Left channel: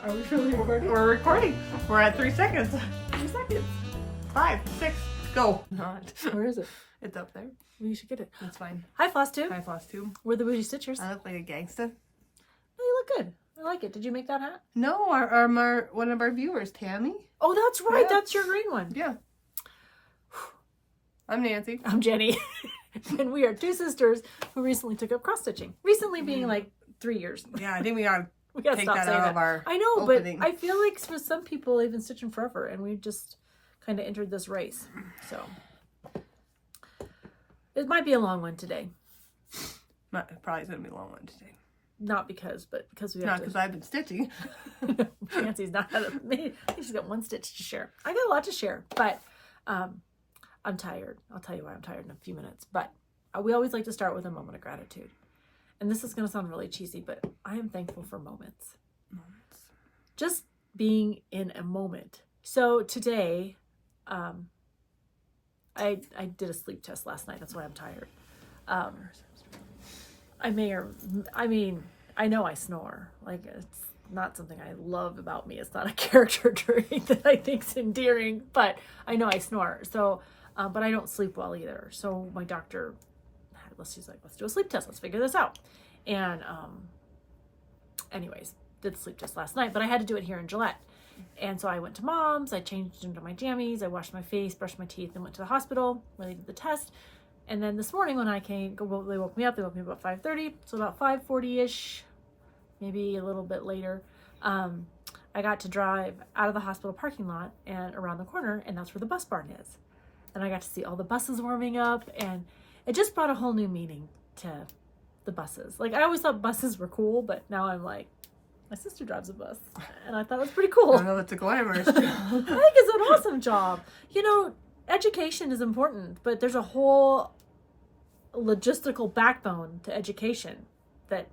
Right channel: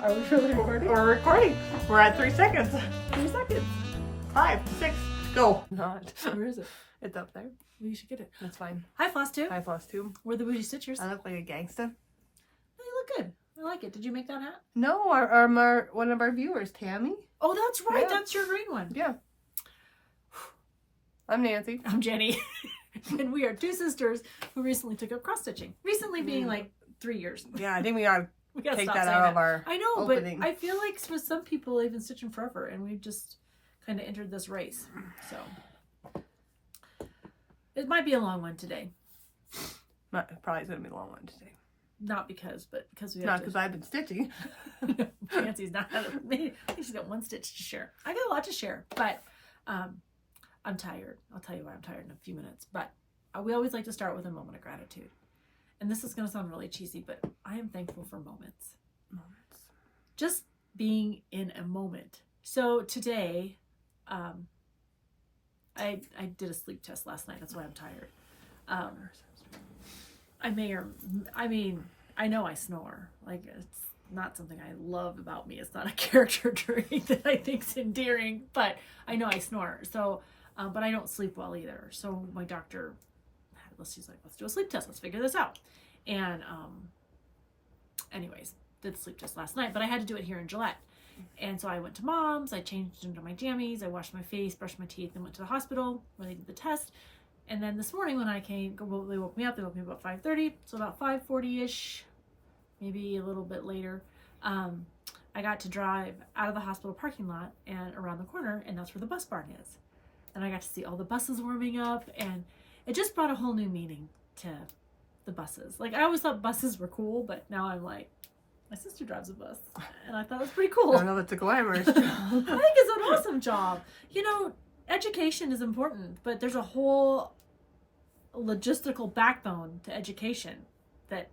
Are we really recording? We're recording. We're at 3 seconds. 3 seconds. 5, 6, go. Not. Where is it? It's up there. You should get it. That's fine. Hi, FlossTube. Hi, FlossTube. We're the Bougie Stitchers. I look like a gangsta. Oh, you look good. I like it. Did you make that hat? No, our one of our viewers, Tammy. Oh, that's right. Yeah. That's your green one. Yeah. I'm Nancy. I'm Jenny. And we are two sisters who recently took up cross stitching. Recently being like 3 years. Yeah, I think we gotta We gotta take stop that saying out of our I know, opening. but I feel like for some people they've been stitching forever, and we just kind of entered this race. So it might be a long one today. Probably gonna be a long one today. Not because, but because we have Not because I've been stitching. Nancy's not maybe she's got one stitch to share. I got a lot to share, but I'm tired. I'll tell you why I'm tired in a few minutes. But we always like to start with a moment of gratitude. And this is going to sound really cheesy, but I am thankful for moments. Just being in a moment. So today, I did a sleep test last night. That's why I'm tired. I know I snore. Like, it's not something I love about me. It's not a character trait that I think's endearing, but I know I snore. So, but I don't sleep well either. So my doctor, she's like, let's do a sleep test. Let's figure this out. And, anyways, did the sleep test last night, but I had to do it here in Gillette. And so I went to Mom's, I changed into my jammies, I washed my face, brushed my teeth, and went to the hospital where they did the test. And then this morning when I came, they woke me up about 5:30. So about 5:40-ish, maybe a little bit later, I got to drive out of the hospital parking lot and around the corner, and that's where the bus barn is. And I got to see all the buses warming up, and it just brought a whole new meaning to the buses. Like, I always thought buses were cool, but now I'm like, my sister drives a bus, and I thought it was pretty cool. I know it's a glamorous job. I think it's an awesome job. You know, education is important, but there's a whole logistical backbone to education that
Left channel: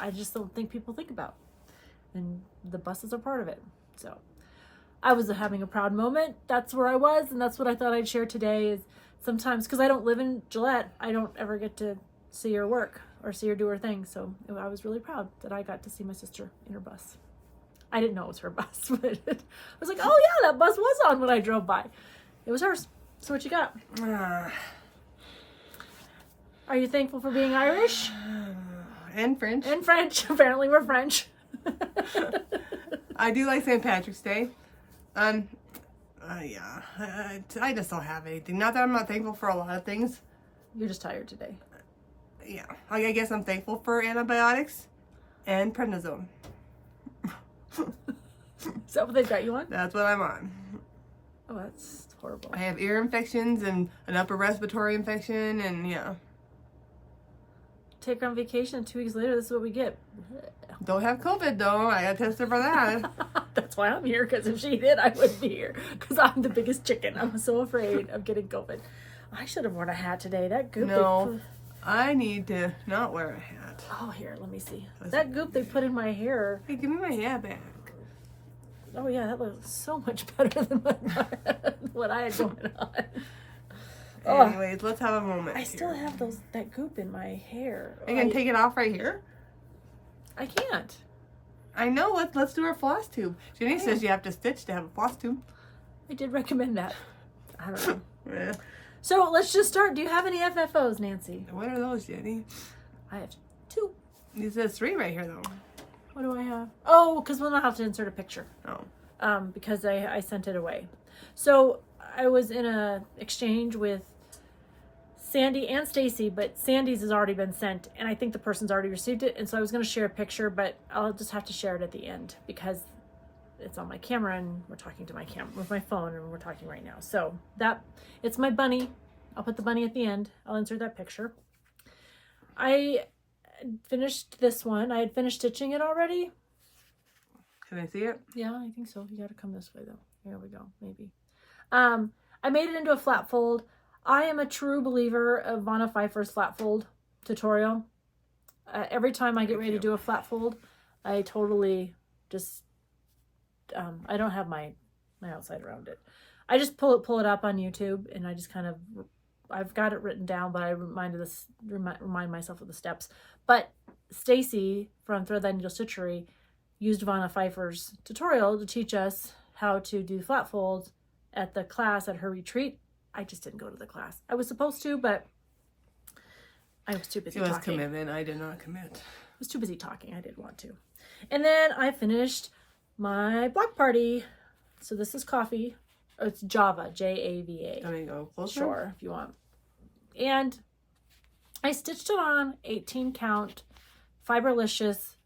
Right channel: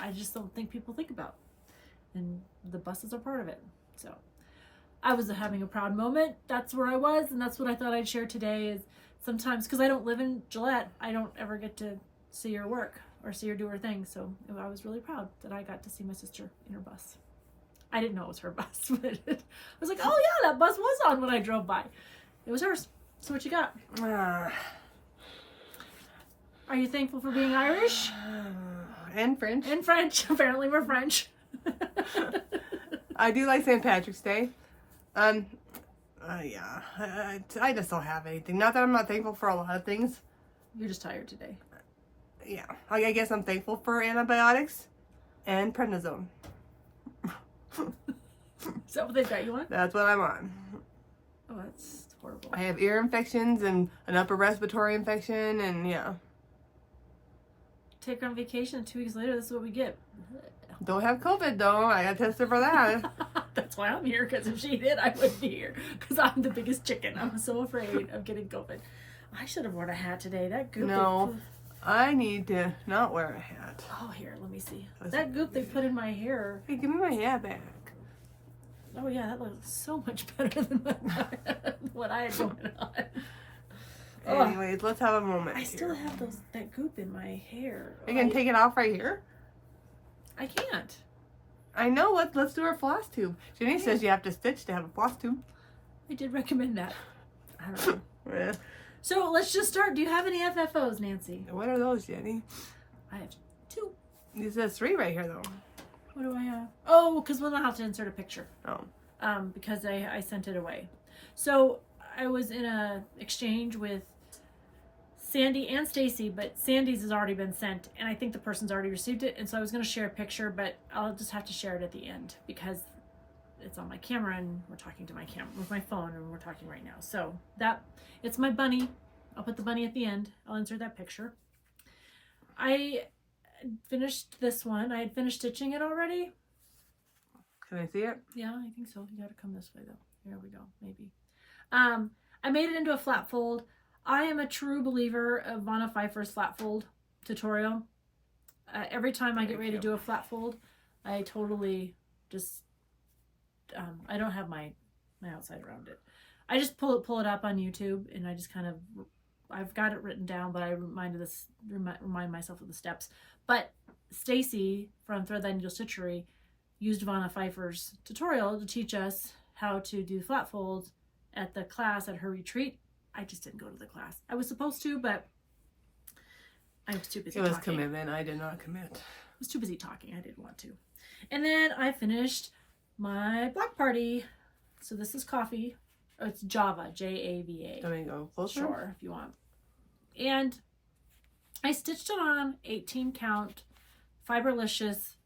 I just don't think people think about. And the buses are part of it. So I was having a proud moment. That's where I was, and that's what I thought I'd share today. Is sometimes, because I don't live in Gillette, I don't ever get to see her work or see her do her thing. So I was really proud that I got to see my sister in her bus. I didn't know it was her bus, but I was like, oh yeah, that bus was on when I drove by. It was hers. So what you got? Are you thankful for being Irish? And French. And French. Apparently we're French. I do like St. Patrick's Day. Yeah, I just don't have anything. Not that I'm not thankful for a lot of things. You're just tired today. Yeah, I guess I'm thankful for antibiotics and prednisone. Is that what they've got you on? That's what I'm on. Oh, that's horrible. I have ear infections and an upper respiratory infection, and yeah. Take her on vacation, 2 weeks later, this is what we get. Don't have COVID though. I got tested for that. That's why I'm here, because if she did, I wouldn't be here. Because I'm the biggest chicken. I'm so afraid of getting COVID. I should have worn a hat today. That goop. No, I need to not wear a hat. Oh, here, let me see. That goop they put in my hair. Hey, give me my hat back. Oh yeah, that looks so much better than what I had going on. Anyways, let's have a moment. I still have that goop in my hair. You can take it off right here. I can't. I know. Let's do our floss tube. Jenny says you have to stitch to have a floss tube. I did recommend that. I don't know. Yeah. So let's just start. Do you have any FFOs, Nancy? What are those, Jenny? I have 2. It says 3 right here, though. What do I have? Oh, because we'll not have to insert a picture. Oh. Because I sent it away. So I was in a exchange with Sandy and Stacy, but Sandy's has already been sent, and I think the person's already received it. And so I was going to share a picture, but I'll just have to share it at the end because it's on my camera, and we're talking to my camera with my phone, and we're talking right now. So it's my bunny. I'll put the bunny at the end. I'll insert that picture. I finished this one. I had finished stitching it already. Can I see it? Yeah, I think so. You got to come this way though. There we go. Maybe. I made it into a flat fold. I am a true believer of Vanna Pfeiffer's flat fold tutorial. Every time I get ready to do a flat fold, I totally just I don't have my outside around it. I just pull it up on YouTube, and I just kind of, I've got it written down, but I remind myself of the steps. But Stacy from Thread That Needle Stitchery used Vanna Pfeiffer's tutorial to teach us how to do flat folds at the class at her retreat. I just didn't go to the class. I was supposed to, but I was too busy It was talking. commitment. I did not commit. I was too busy talking. I didn't want to. And then I finished my block party. So this is coffee. Oh, it's Java, Java. Let me go closer. Sure, if you want. And I stitched it on 18 count Fiberlicious.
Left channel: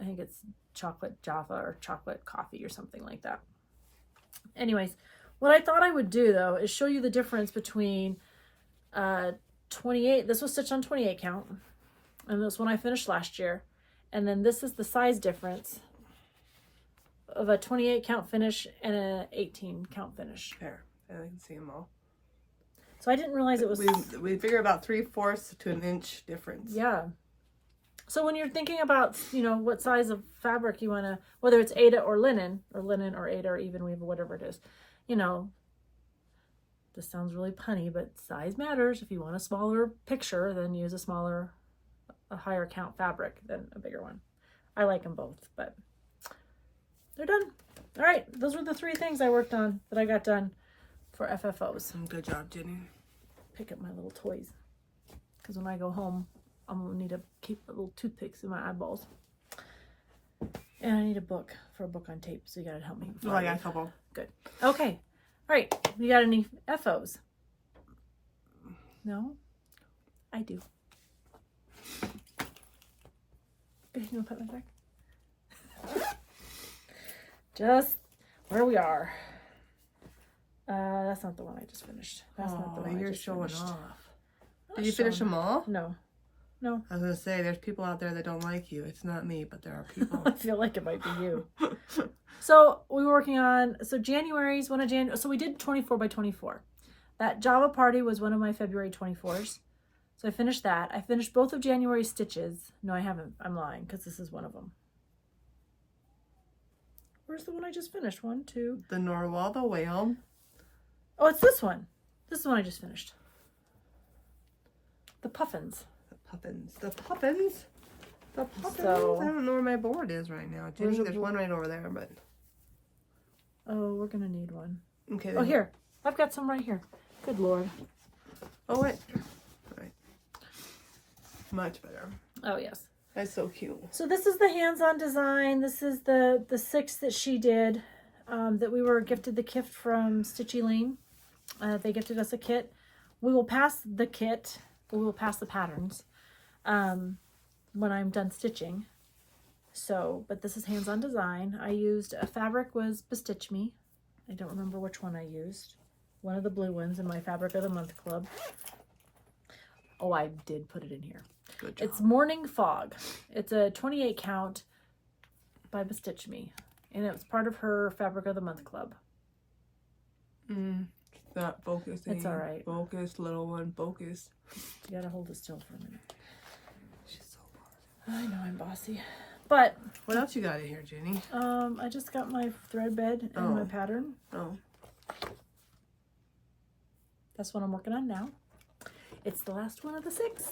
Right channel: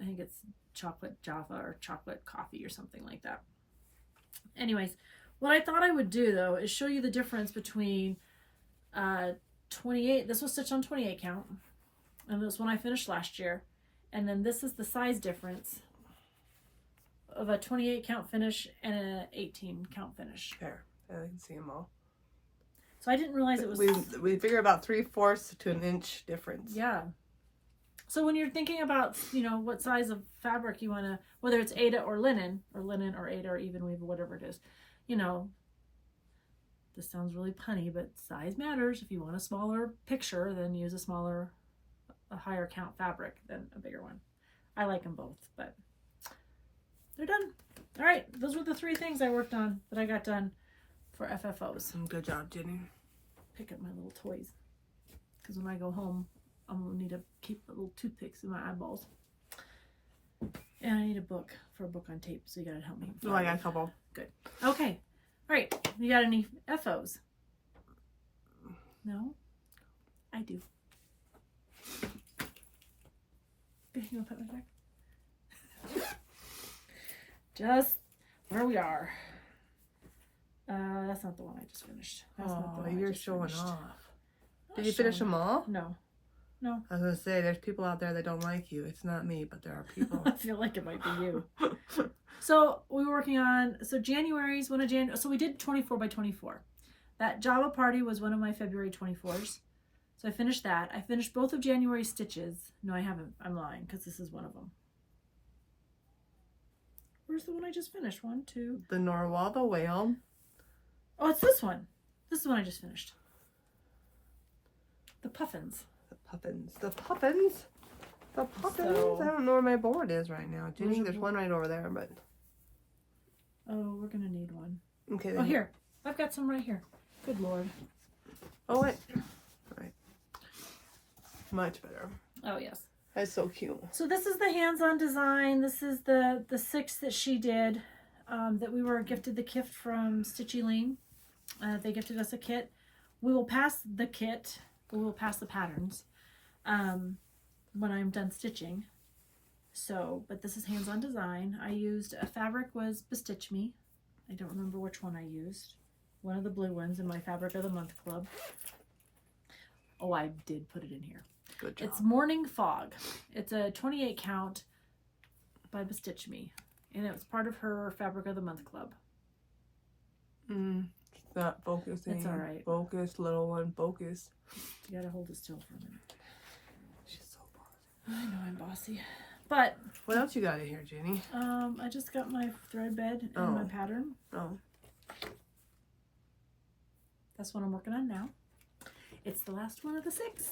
I think it's chocolate Java or chocolate coffee or something like that. Anyways, what I thought I would do though is show you the difference between 28. This was stitched on 28 count, and this one I finished last year. And then this is the size difference of a 28 count finish and an 18 count finish. There, I can see them all. So I didn't realize it was. We figure about 3/4 to an inch difference. Yeah. So when you're thinking about, what size of fabric you want to, whether it's Aida or linen or Aida or even weave or whatever it is, this sounds really punny, but size matters. If you want a smaller picture, then use a higher count fabric than a bigger one. I like them both, but they're done. All right. Those were the 3 things I worked on that I got done for FFOs. Good job, Jenny. Pick up my little toys. Because when I go home, I'm going to need to keep little toothpicks in my eyeballs. And I need a book for a book on tape, so you got to help me. Oh, I got a couple. Good. Okay. All right. You got any FOs? No? I do. You want to put my back? Just where we are. That's not the one I just finished. That's not the one you're I just showing finished. off. Did you finish them all? No. I was going to say, there's people out there that don't like you. It's not me, but there are people. I feel like it might be you. So we were working on, January's one of January. So we did 24 by 24. That Java party was one of my February 24s. So I finished that. I finished both of January's stitches. No, I haven't. I'm lying because this is one of them. Where's the one I just finished? 1, 2. The Narwhal, the whale. Oh, it's this one. This is the one I just finished. The puffins. The puffins. So, I don't know where my board is right now. Jenny, there's one right over there, but. Oh, we're going to need one. Okay. Oh, here. I've got some right here. Good Lord. Oh, wait. All right. Much better. Oh, yes. That's so cute. So this is the hands-on design. This is the 6 that she did, that we were gifted the gift from Stitchy Lean. They gifted us a kit. We will pass the kit. We will pass the patterns when I'm done stitching. So, but this is hands-on design. I used a fabric was Bestitch Me. I don't remember which one I used. One of the blue ones in my Fabric of the Month Club. Oh, I did put it in here. Good job. It's Morning Fog. It's a 28 count by Bestitch Me. And it was part of her Fabric of the Month Club. It's not focusing. It's all right. Focus, little one, focus. You gotta hold it still for a minute. She's so bossy. I know I'm bossy. But What else you got in here, Jenny? I just got my thread bed and my pattern. Oh. That's what I'm working on now. It's the last one of the 6.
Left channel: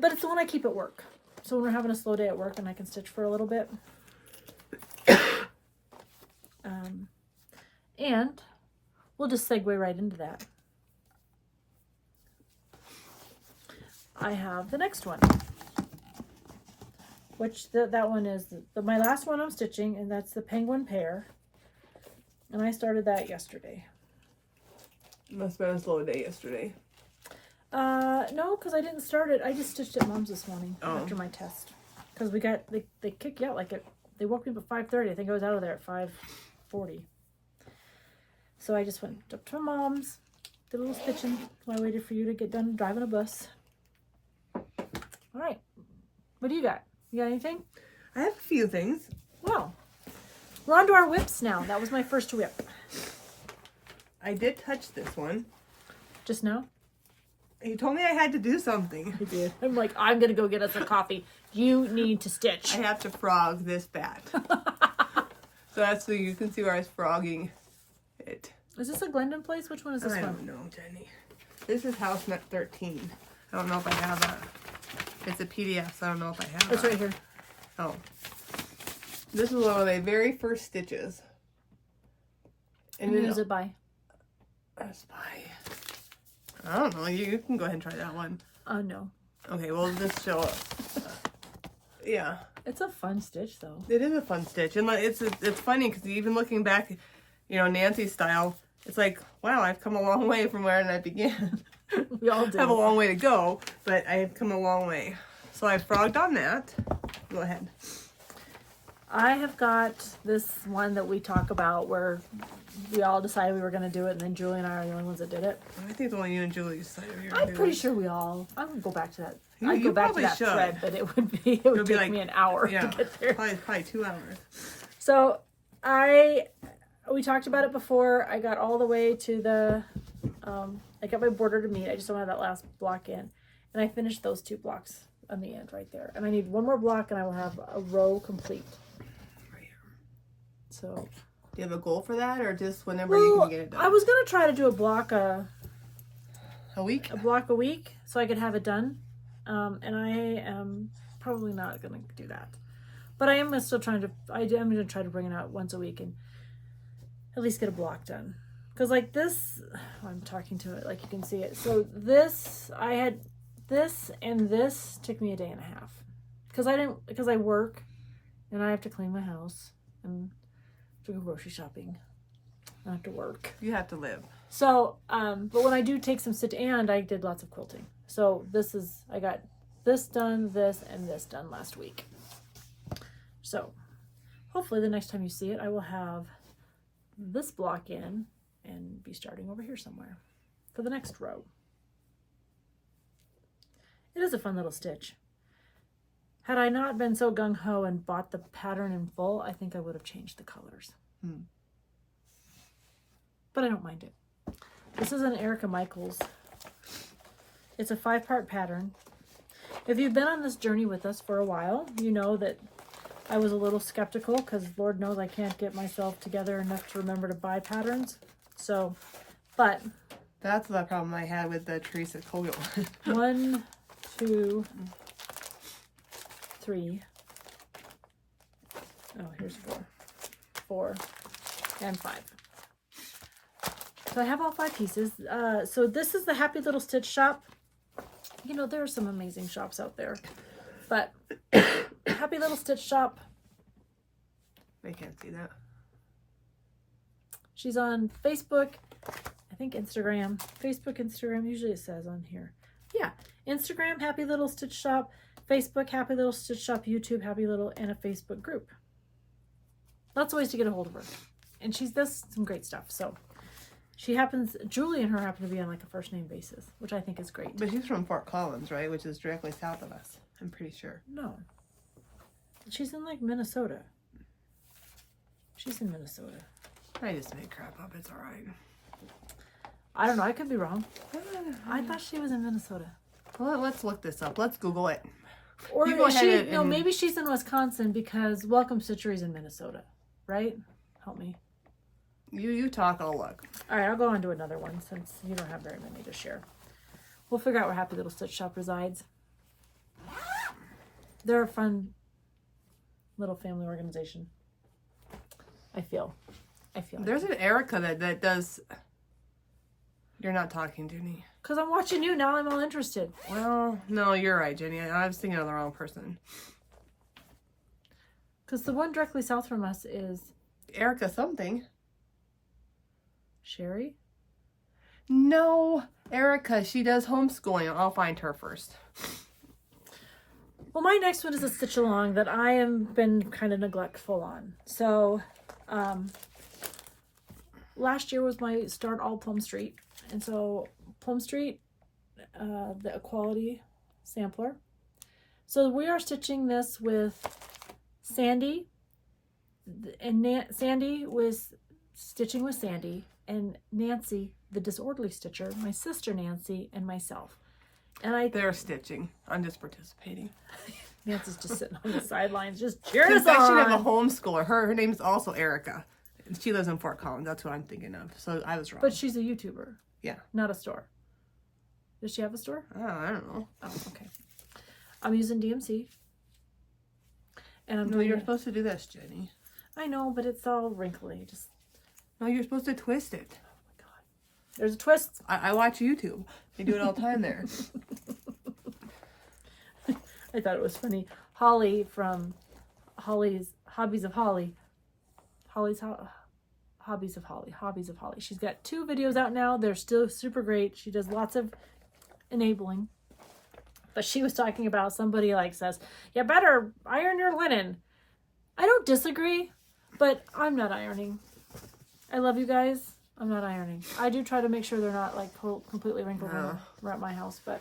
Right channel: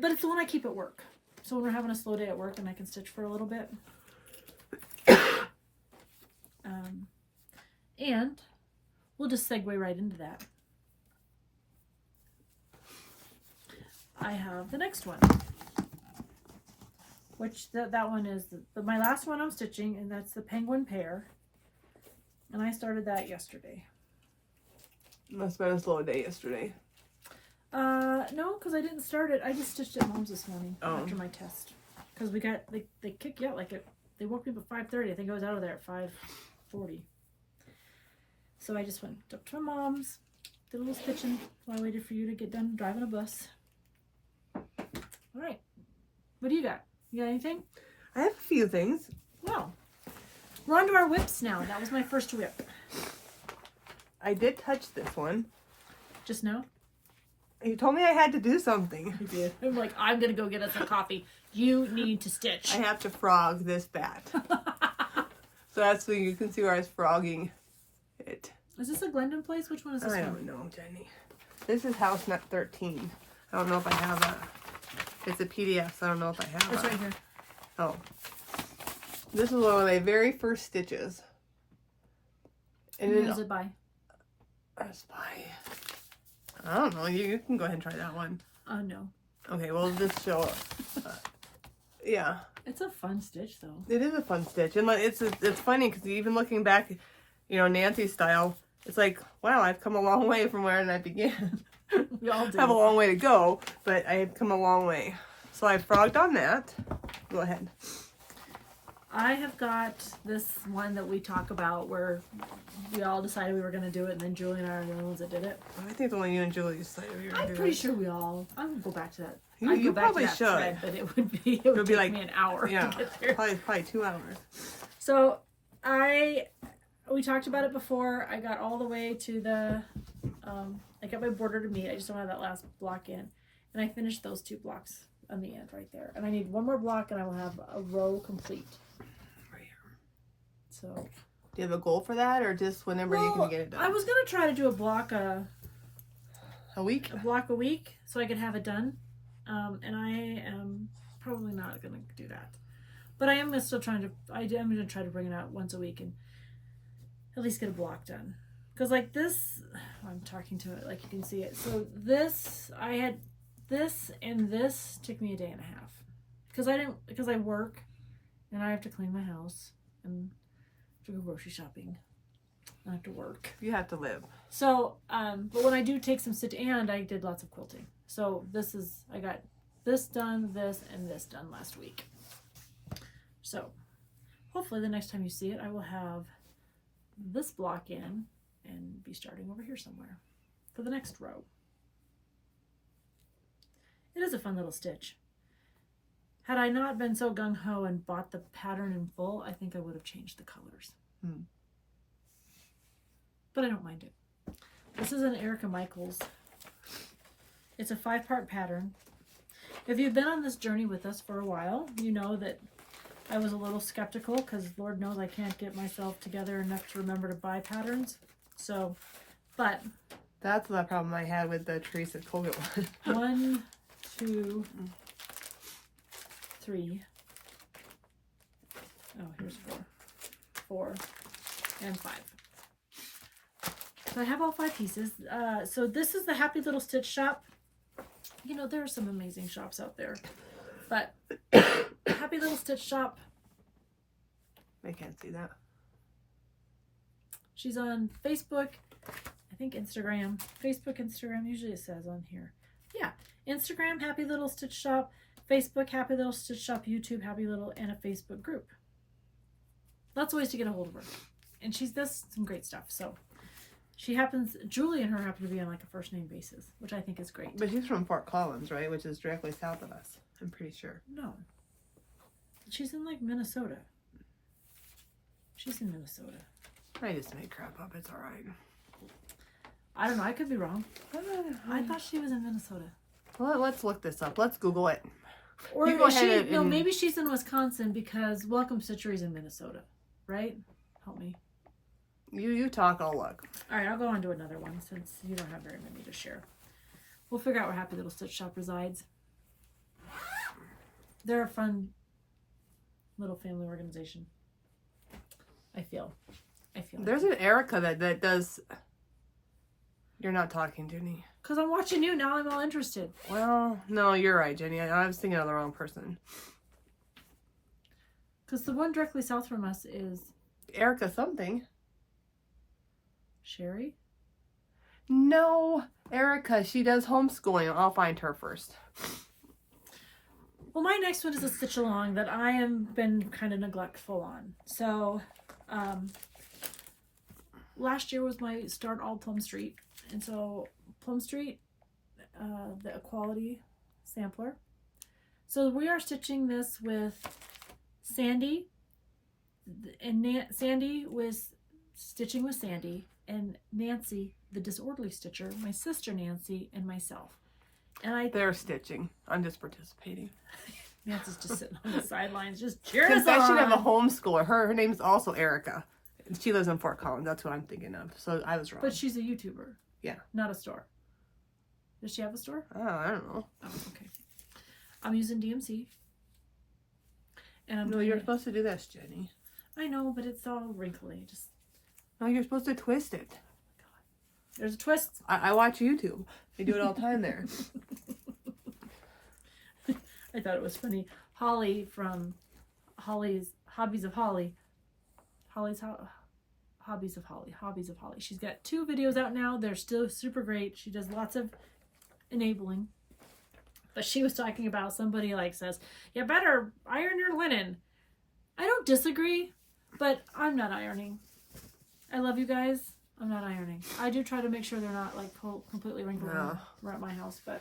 But it's the one I keep at work. So when we're having a slow day at work and I can stitch for a little bit. And we'll just segue right into that. I have the next one. Which that one is my last one I'm stitching, and that's the Penguin Pear. And I started that yesterday. Must have been a slow day yesterday. No, because I didn't start it. I just stitched at Mom's this morning after my test. Because they kick you out they woke me up at 5:30. I think I was out of there at 5:40. So I just went up to Mom's, did a little stitching while I waited for you to get done driving a bus. All right. What do you got? You got anything? I have a few things. Well, we're on to our whips now. That was my first whip. I did touch this one. Just now? You told me I had to do something. I did. I'm like, I'm going to go get us a coffee. You need to stitch. I have to frog this bat. So that's so you can see where I was frogging it. Is this a Glendon place? Which one is this I from? don't know, Jenny. This is house nut 13. I don't know if I have that. It's a PDF, so I don't know if I have It's that. right here. Oh. This is one of my very first stitches. And Who is it by? It's by, I don't know. You can go ahead and try that one. No. Okay, well, just show up. Yeah. It's a fun stitch, though. It is a fun stitch. And like, it's funny because even looking back, you know, Nancy style, it's like, wow, I've come a long way from where I began. We all do. I have a long way to go, but I've come a long way. So I frogged on that. Go ahead. I have got this one that we talk about where we all decided we were going to do it, and then Julie and I are the only ones that did it. I think the only you and Julie decided you were going to do it. I'm pretty sure we all. I would go back to that. You I'd go back to probably that should. thread, but it would take like, me an hour. Yeah, to get through. probably 2 hours. So we talked about it before. I got all the way to the. I got my border to meet. I just don't have that last block in, and I finished those 2 blocks on the end right there. And I need 1 more block, and I will have a row complete. So, do you have a goal for that, or just whenever you can get it done? I was gonna try to do a block a week, a week, so I could have it done. And I am probably not gonna do that, but I am still trying to. I'm gonna try to bring it out once a week and at least get a block done. Because like this, I'm talking to it like you can see it. So this, I had this and this took me a day and a half because I work and I have to clean my house and to go grocery shopping. I have to work. you have to live. So, but when I do take some and I did lots of quilting. So I got this done, this, and this done last week. So, hopefully the next time you see it, I will have this block in and be starting over here somewhere for the next row. It is a fun little stitch. Had I not been so gung-ho and bought the pattern in full, I think I would have changed the colors. But I don't mind it. This is an Erica Michaels. It's a 5-part pattern. If you've been on this journey with us for a while, you know that I was a little skeptical because Lord knows I can't get myself together enough to remember to buy patterns. So, but... That's the problem I had with the Teresa Colgate one. 1, 2, 3. Oh, here's 4. 4 and 5. So I have all 5 pieces. So this is the Happy Little Stitch Shop. You know, there are some amazing shops out there. But Happy Little Stitch Shop. I can't see that. She's on Facebook. I think Instagram. Facebook, Instagram. Usually it says on here. Yeah. Instagram, Happy Little Stitch Shop. Facebook, Happy Little Stitch Shop. YouTube, Happy Little, and a Facebook group. Lots of ways to get a hold of her. And she does some great stuff. So Julie and her happen to be on like a first name basis, which I think is great. But she's from Fort Collins, right? Which is directly south of us. I'm pretty sure. No. She's in like Minnesota. She's in Minnesota. I just made crap up. It's all right. I don't know. I could be wrong. I thought she was in Minnesota. Well, let's look this up. Let's Google it. Or you go ahead no, maybe she's in Wisconsin because Welcome Stitchery's in Minnesota, right? Help me. You talk, I'll look. All right, I'll go on to another one since you don't have very many to share. We'll figure out where Happy Little Stitch Shop resides. They're a fun little family organization. I feel. There's an Erica that does... You're not talking, Jenny. Because I'm watching you now, I'm all interested. Well, no, you're right, Jenny. I was thinking of the wrong person. Because the one directly south from us is... Erica something. Sherry? No, Erica. She does homeschooling. I'll find her first. Well, my next one is a stitch along that I have been kind of neglectful on. So, last year was my start all Plum Street. And so, Plum Street, the Equality Sampler. So, we are stitching this with Sandy. And Sandy was stitching with Sandy. And Nancy, the Disorderly Stitcher, my sister Nancy, and myself. And They're stitching. I'm just participating. Nancy's just sitting on the sidelines, just cheering us Confession on. of a homeschooler. Her name's also Erica. She lives in Fort Collins. That's what I'm thinking of. So I was wrong. But she's a YouTuber. Yeah. Not a store. Does she have a store? Oh, I don't know. Oh, okay. I'm using DMC. And I'm No, doing you're it. supposed to do this, Jenny. I know, but it's all wrinkly. Just No, you're supposed to twist it. there's a twist. I watch YouTube. They do it all the time there. I thought it was funny. Holly from Holly's Hobbies of Holly. Hobbies of Holly. She's got 2 videos out now. They're still super great. She does lots of enabling. But she was talking about somebody like says, you better iron your linen. I don't disagree, but I'm not ironing. I love you guys. I'm not ironing. I do try to make sure they're not like completely wrinkled around my house. But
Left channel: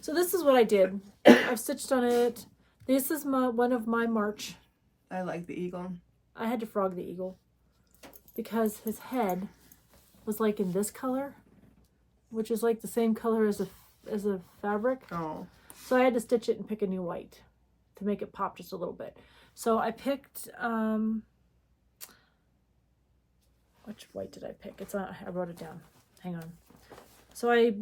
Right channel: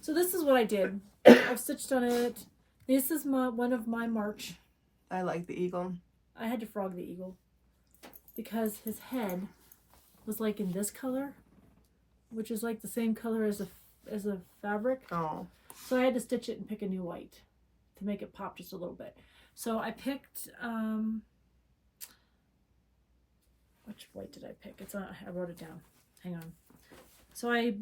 so this is what I did. I've stitched on it. This is one of my March. I like the eagle. I had to frog the eagle because his head was like in this color, which is like the same color as a fabric. Oh. So I had to stitch it and pick a new white to make it pop just a little bit. So I picked, which white did I pick? It's on, I wrote it down. Hang on. So I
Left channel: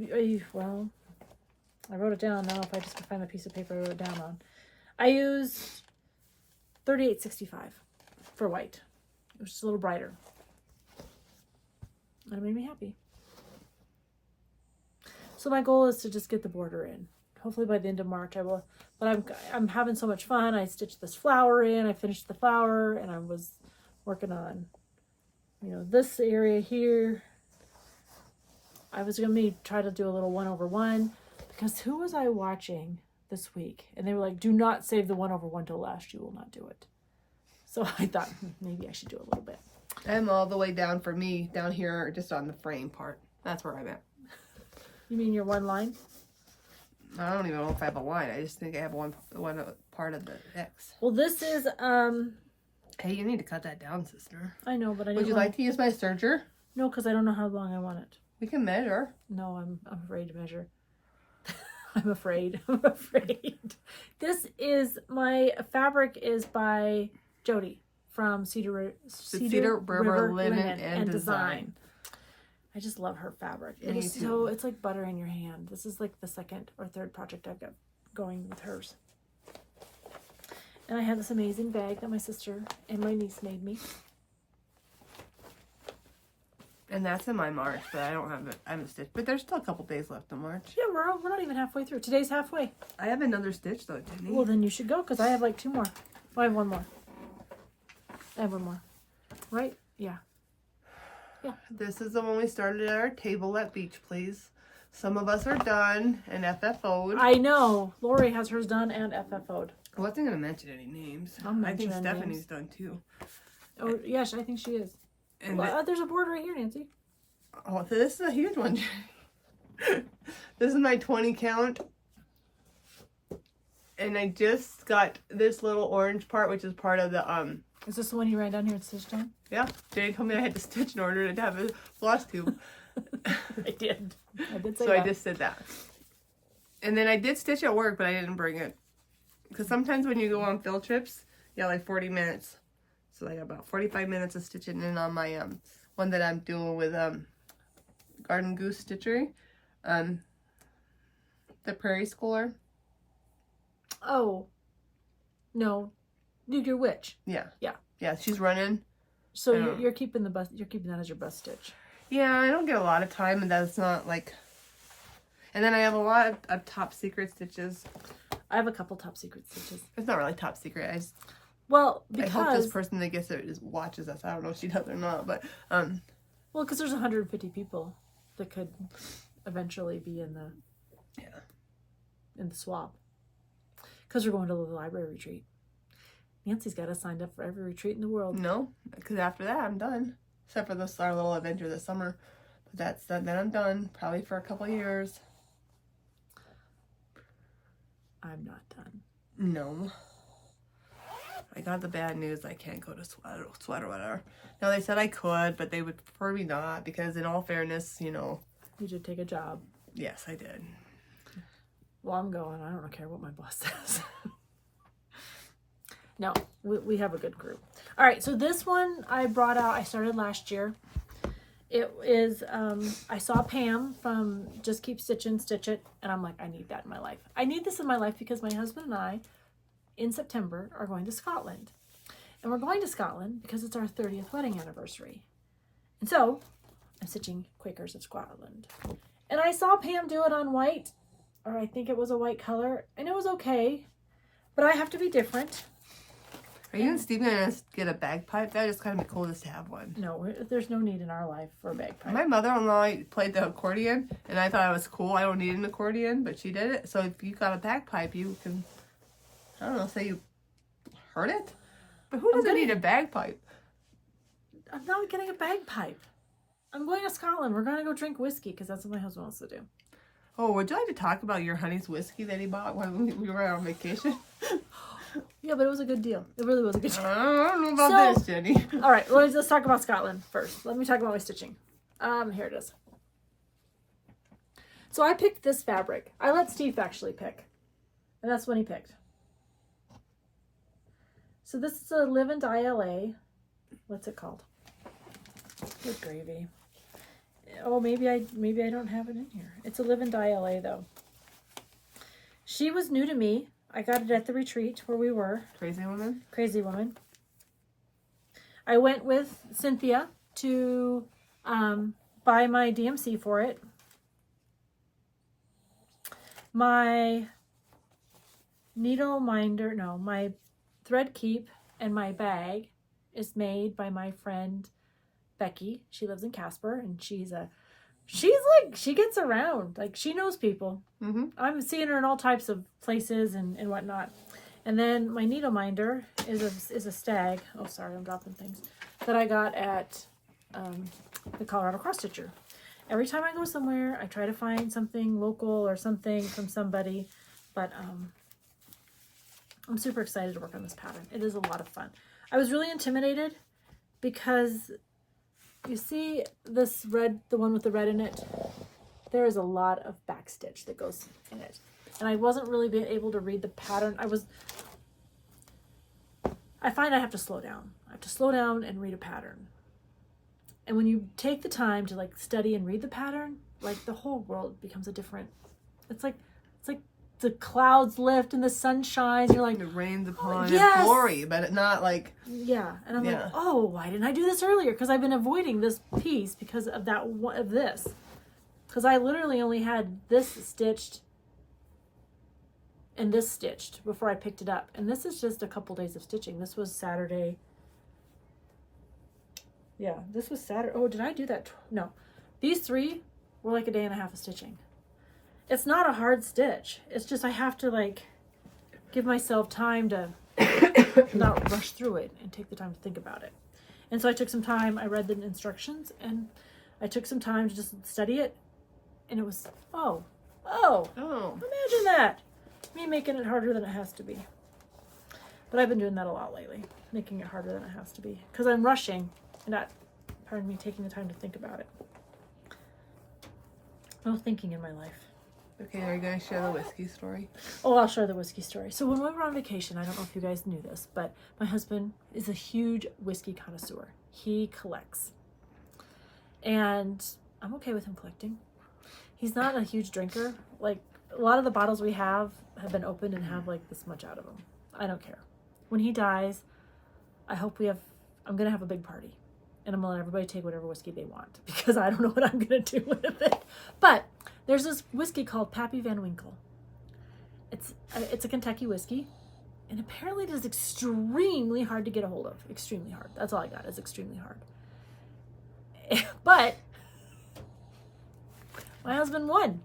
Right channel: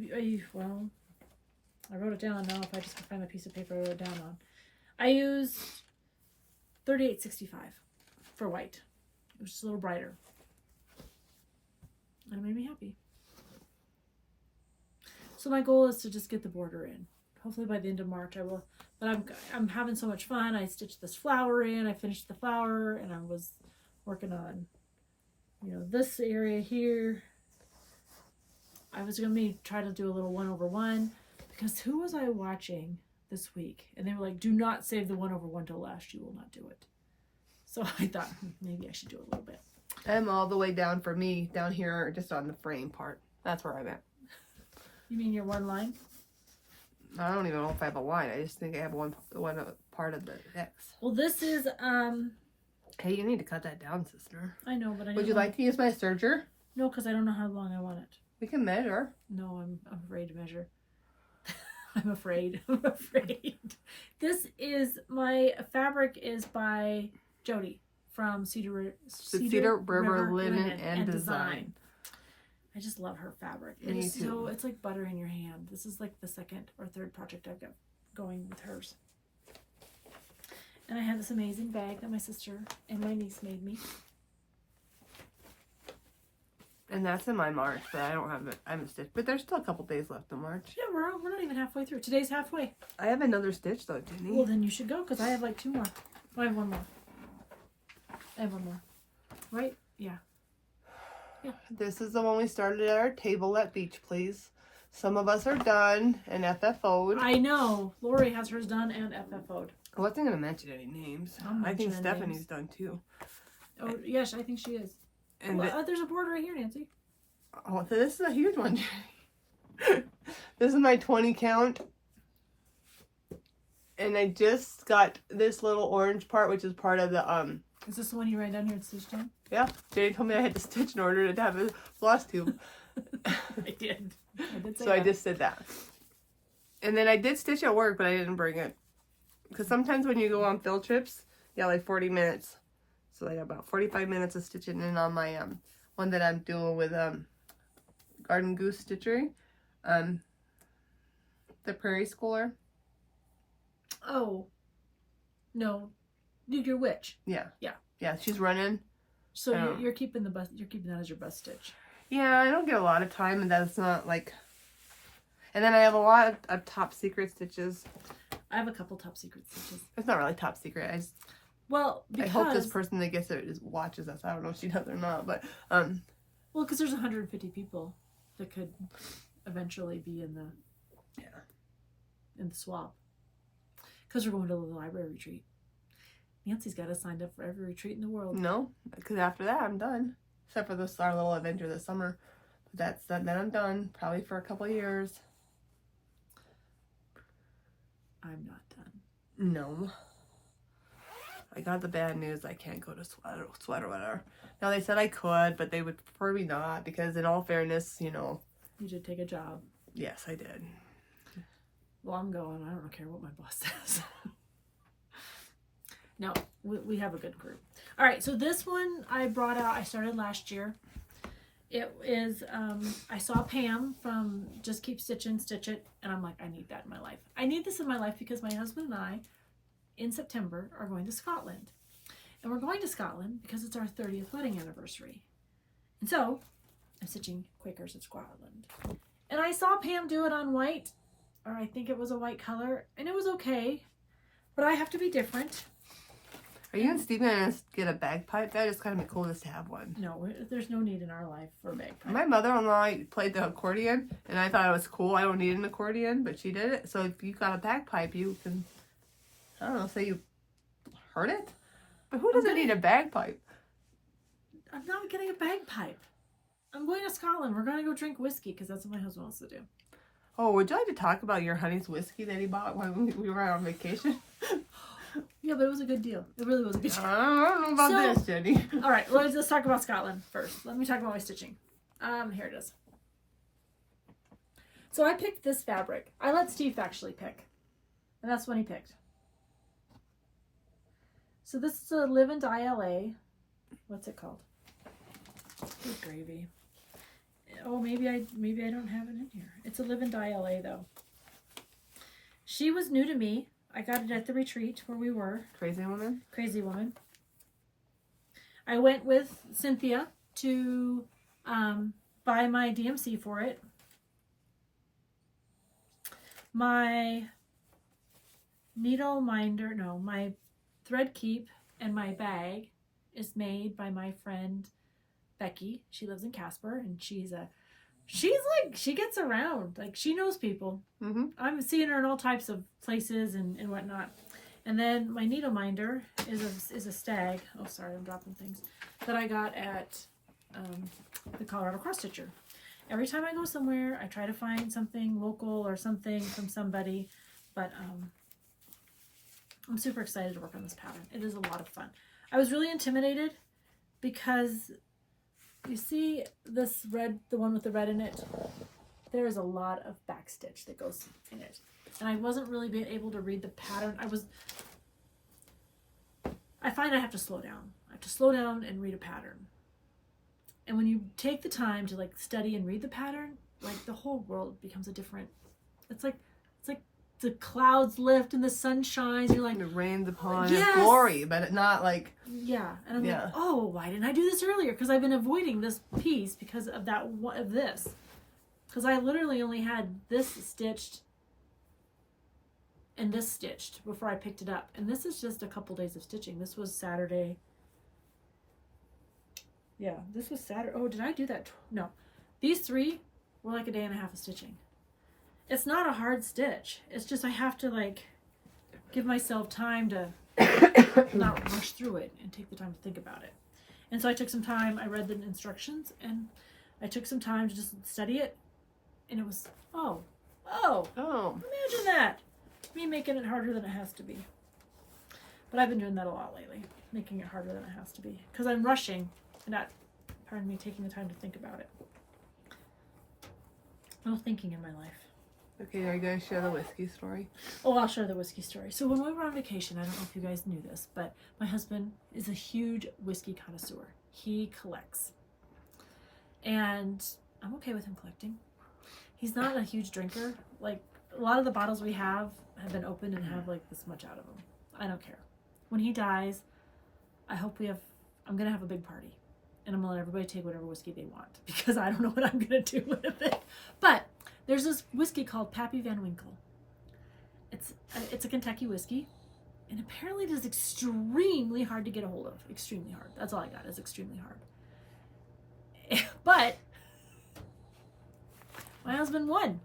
wrote it down. Now if I just can find a piece of paper I wrote it down on. I used 3865 for white. It was just a little brighter. And it made me happy. So my goal is to just get the border in. Hopefully by the end of March I will. But I'm having so much fun. I stitched this flower in. I finished the flower, and I was working on, this area here. I was gonna try to do a little 1/1 because who was I watching this week? And they were like, "Do not save the 1/1 till last. You will not do it." So I thought maybe I should do a little bit. I'm all the way down for me, down here, just on the frame part. That's where I'm at. You mean your one line? I don't even know if I have a line. I just think I have one part of the X. Well, this is Hey, you need to cut that down, sister. I know, but I Would you like to use my serger? No, because I don't know how long I want it. We can measure. No, I'm afraid to measure. I'm afraid. I'm afraid. This is my fabric is by Jody from Cedar River Linen and Design. I just love her fabric. Me too. So it's like butter in your hand. This is like the 2nd or 3rd project I've got going with hers. And I have this amazing bag that my sister and my niece made me. And that's in my March, but I don't have it. I haven't stitched. But there's still a couple days left in March. Yeah, we're not even halfway through. Today's halfway. I have another stitch though, Jenny. Well, then you should go because I have like 2 more. I have 1 more. I have 1 more. Right? Yeah. Yeah. This is the one we started at our table at Beach Please. Some of us are done and FFO'd. I know. Lori has hers done and FFO'd. I wasn't going to mention any names. I think Stephanie's done too. Oh, yes, I think she is. And well, there's a board right here, Nancy. Oh, so this is a huge one. This is my 20 count. And I just got this little orange part, which is part of the, Is this the one you write down here at stitch time? Yeah, Jerry told me I had to stitch in order to have a floss tube. I did say so that. I just did that. And then I did stitch at work, but I didn't bring it. Because sometimes when you go on field trips, you have like 40 minutes. So I got about 45 minutes of stitching in on my one that I'm doing with Garden Goose Stitchery. The Prairie Schooler. Oh. No. Your witch. Yeah. Yeah. Yeah, she's running. So you're keeping you're keeping that as your bus stitch. Yeah, I don't get a lot of time, and that's not like. And then I have a lot of top secret stitches. I have a couple top secret stitches. It's not really top secret. Because I hope this person that gets it watches us. I don't know if she does or not, but well, because there's 150 people that could eventually be in the swap. Because we're going to the library retreat. Nancy's got us signed up for every retreat in the world. No, because after that I'm done. Except for our little adventure this summer. But then I'm done. Probably for a couple of years. I'm not done. No. I got the bad news. I can't go to sweater whatever. Now they said I could, but they would prefer me not because in all fairness, You should take a job. Yes, I did. Well, I'm going. I don't care what my boss says. No, we have a good group. All right, so this one I brought out. I started last year. It is, I saw Pam from Just Keep Stitching, Stitch It, and I'm like, I need that in my life. I need this in my life because my husband and I, in September are going to Scotland. And we're going to Scotland because it's our 30th wedding anniversary. And so I'm stitching Quakers of Scotland. And I saw Pam do it on white, or I think it was a white color, and it was okay. But I have to be different. Are you and Steve going to get a bagpipe? That would just kind of be cool just to have one. No, there's no need in our life for a bagpipe. My mother-in-law played the accordion, and I thought it was cool. I don't need an accordion, but she did it. So if you got a bagpipe, you can, I don't know, say you heard it? But who doesn't need a bagpipe? I'm not getting a bagpipe. I'm going to Scotland. We're going to go drink whiskey because that's what my husband wants to do. Oh, would you like to talk about your honey's whiskey that he bought when we were on vacation? Yeah, but it was a good deal. It really was a good deal. I don't know about this, Jenny. All right, let's talk about Scotland first. Let me talk about my stitching. Here it is. So I picked this fabric. I let Steve actually pick, and that's when he picked. So this is a Live and Die LA. What's it called? Good gravy. Oh, maybe I don't have it in here. It's a Live and Die LA though. She was new to me. I got it at the retreat where we were. Crazy woman? Crazy woman. I went with Cynthia to buy my DMC for it. My needle minder, no, my thread keep and my bag is made by my friend Becky. She lives in Casper, and she gets around. Like, she knows people. Mm-hmm. I'm seeing her in all types of places and whatnot. And then my needle minder is a stag. Oh, sorry, I'm dropping things. That I got at the Colorado Cross Stitcher. Every time I go somewhere, I try to find something local or something from somebody. But I'm super excited to work on this pattern. It is a lot of fun. I was really intimidated because you see this red, the one with the red in it, there is a lot of backstitch that goes in it. And I wasn't really being able to read the pattern. I find I have to slow down. I have to slow down and read a pattern. And when you take the time to like study and read the pattern, like the whole world becomes a different, it's like the clouds lift and the sun shines. You're like, it rains upon yes! It's glory, but it not like, yeah. And I'm like, oh, why didn't I do this earlier? Because I've been avoiding this piece because of this. Because I literally only had this stitched and this stitched before I picked it up. And this is just a couple days of stitching. This was Saturday. Yeah, this was Saturday. Oh, did I do that? No. These three were like a day and a half of stitching. It's not a hard stitch. It's just I have to like give myself time to not rush through it and take the time to think about it. And so I took some time. I read the instructions and I took some time to just study it. And it was, oh, imagine that. Me making it harder than it has to be. But I've been doing that a lot lately, making it harder than it has to be. Because I'm rushing and not, pardon me, taking the time to think about it. No thinking in my life. okay, are you going to share the whiskey story? Oh, I'll share the whiskey story. So when we were on vacation, I don't know if you guys knew this, but my husband is a huge whiskey connoisseur. He collects. And I'm okay with him collecting. He's not a huge drinker. Like, a lot of the bottles we have been opened and have like this much out of them. I don't care. When he dies, I'm going to have a big party. And I'm going to let everybody take whatever whiskey they want. Because I don't know what I'm going to do with it. But there's this whiskey called Pappy Van Winkle. It's a Kentucky whiskey. And apparently it is extremely hard to get a hold of. Extremely hard. That's all I got, is extremely hard. But my husband won.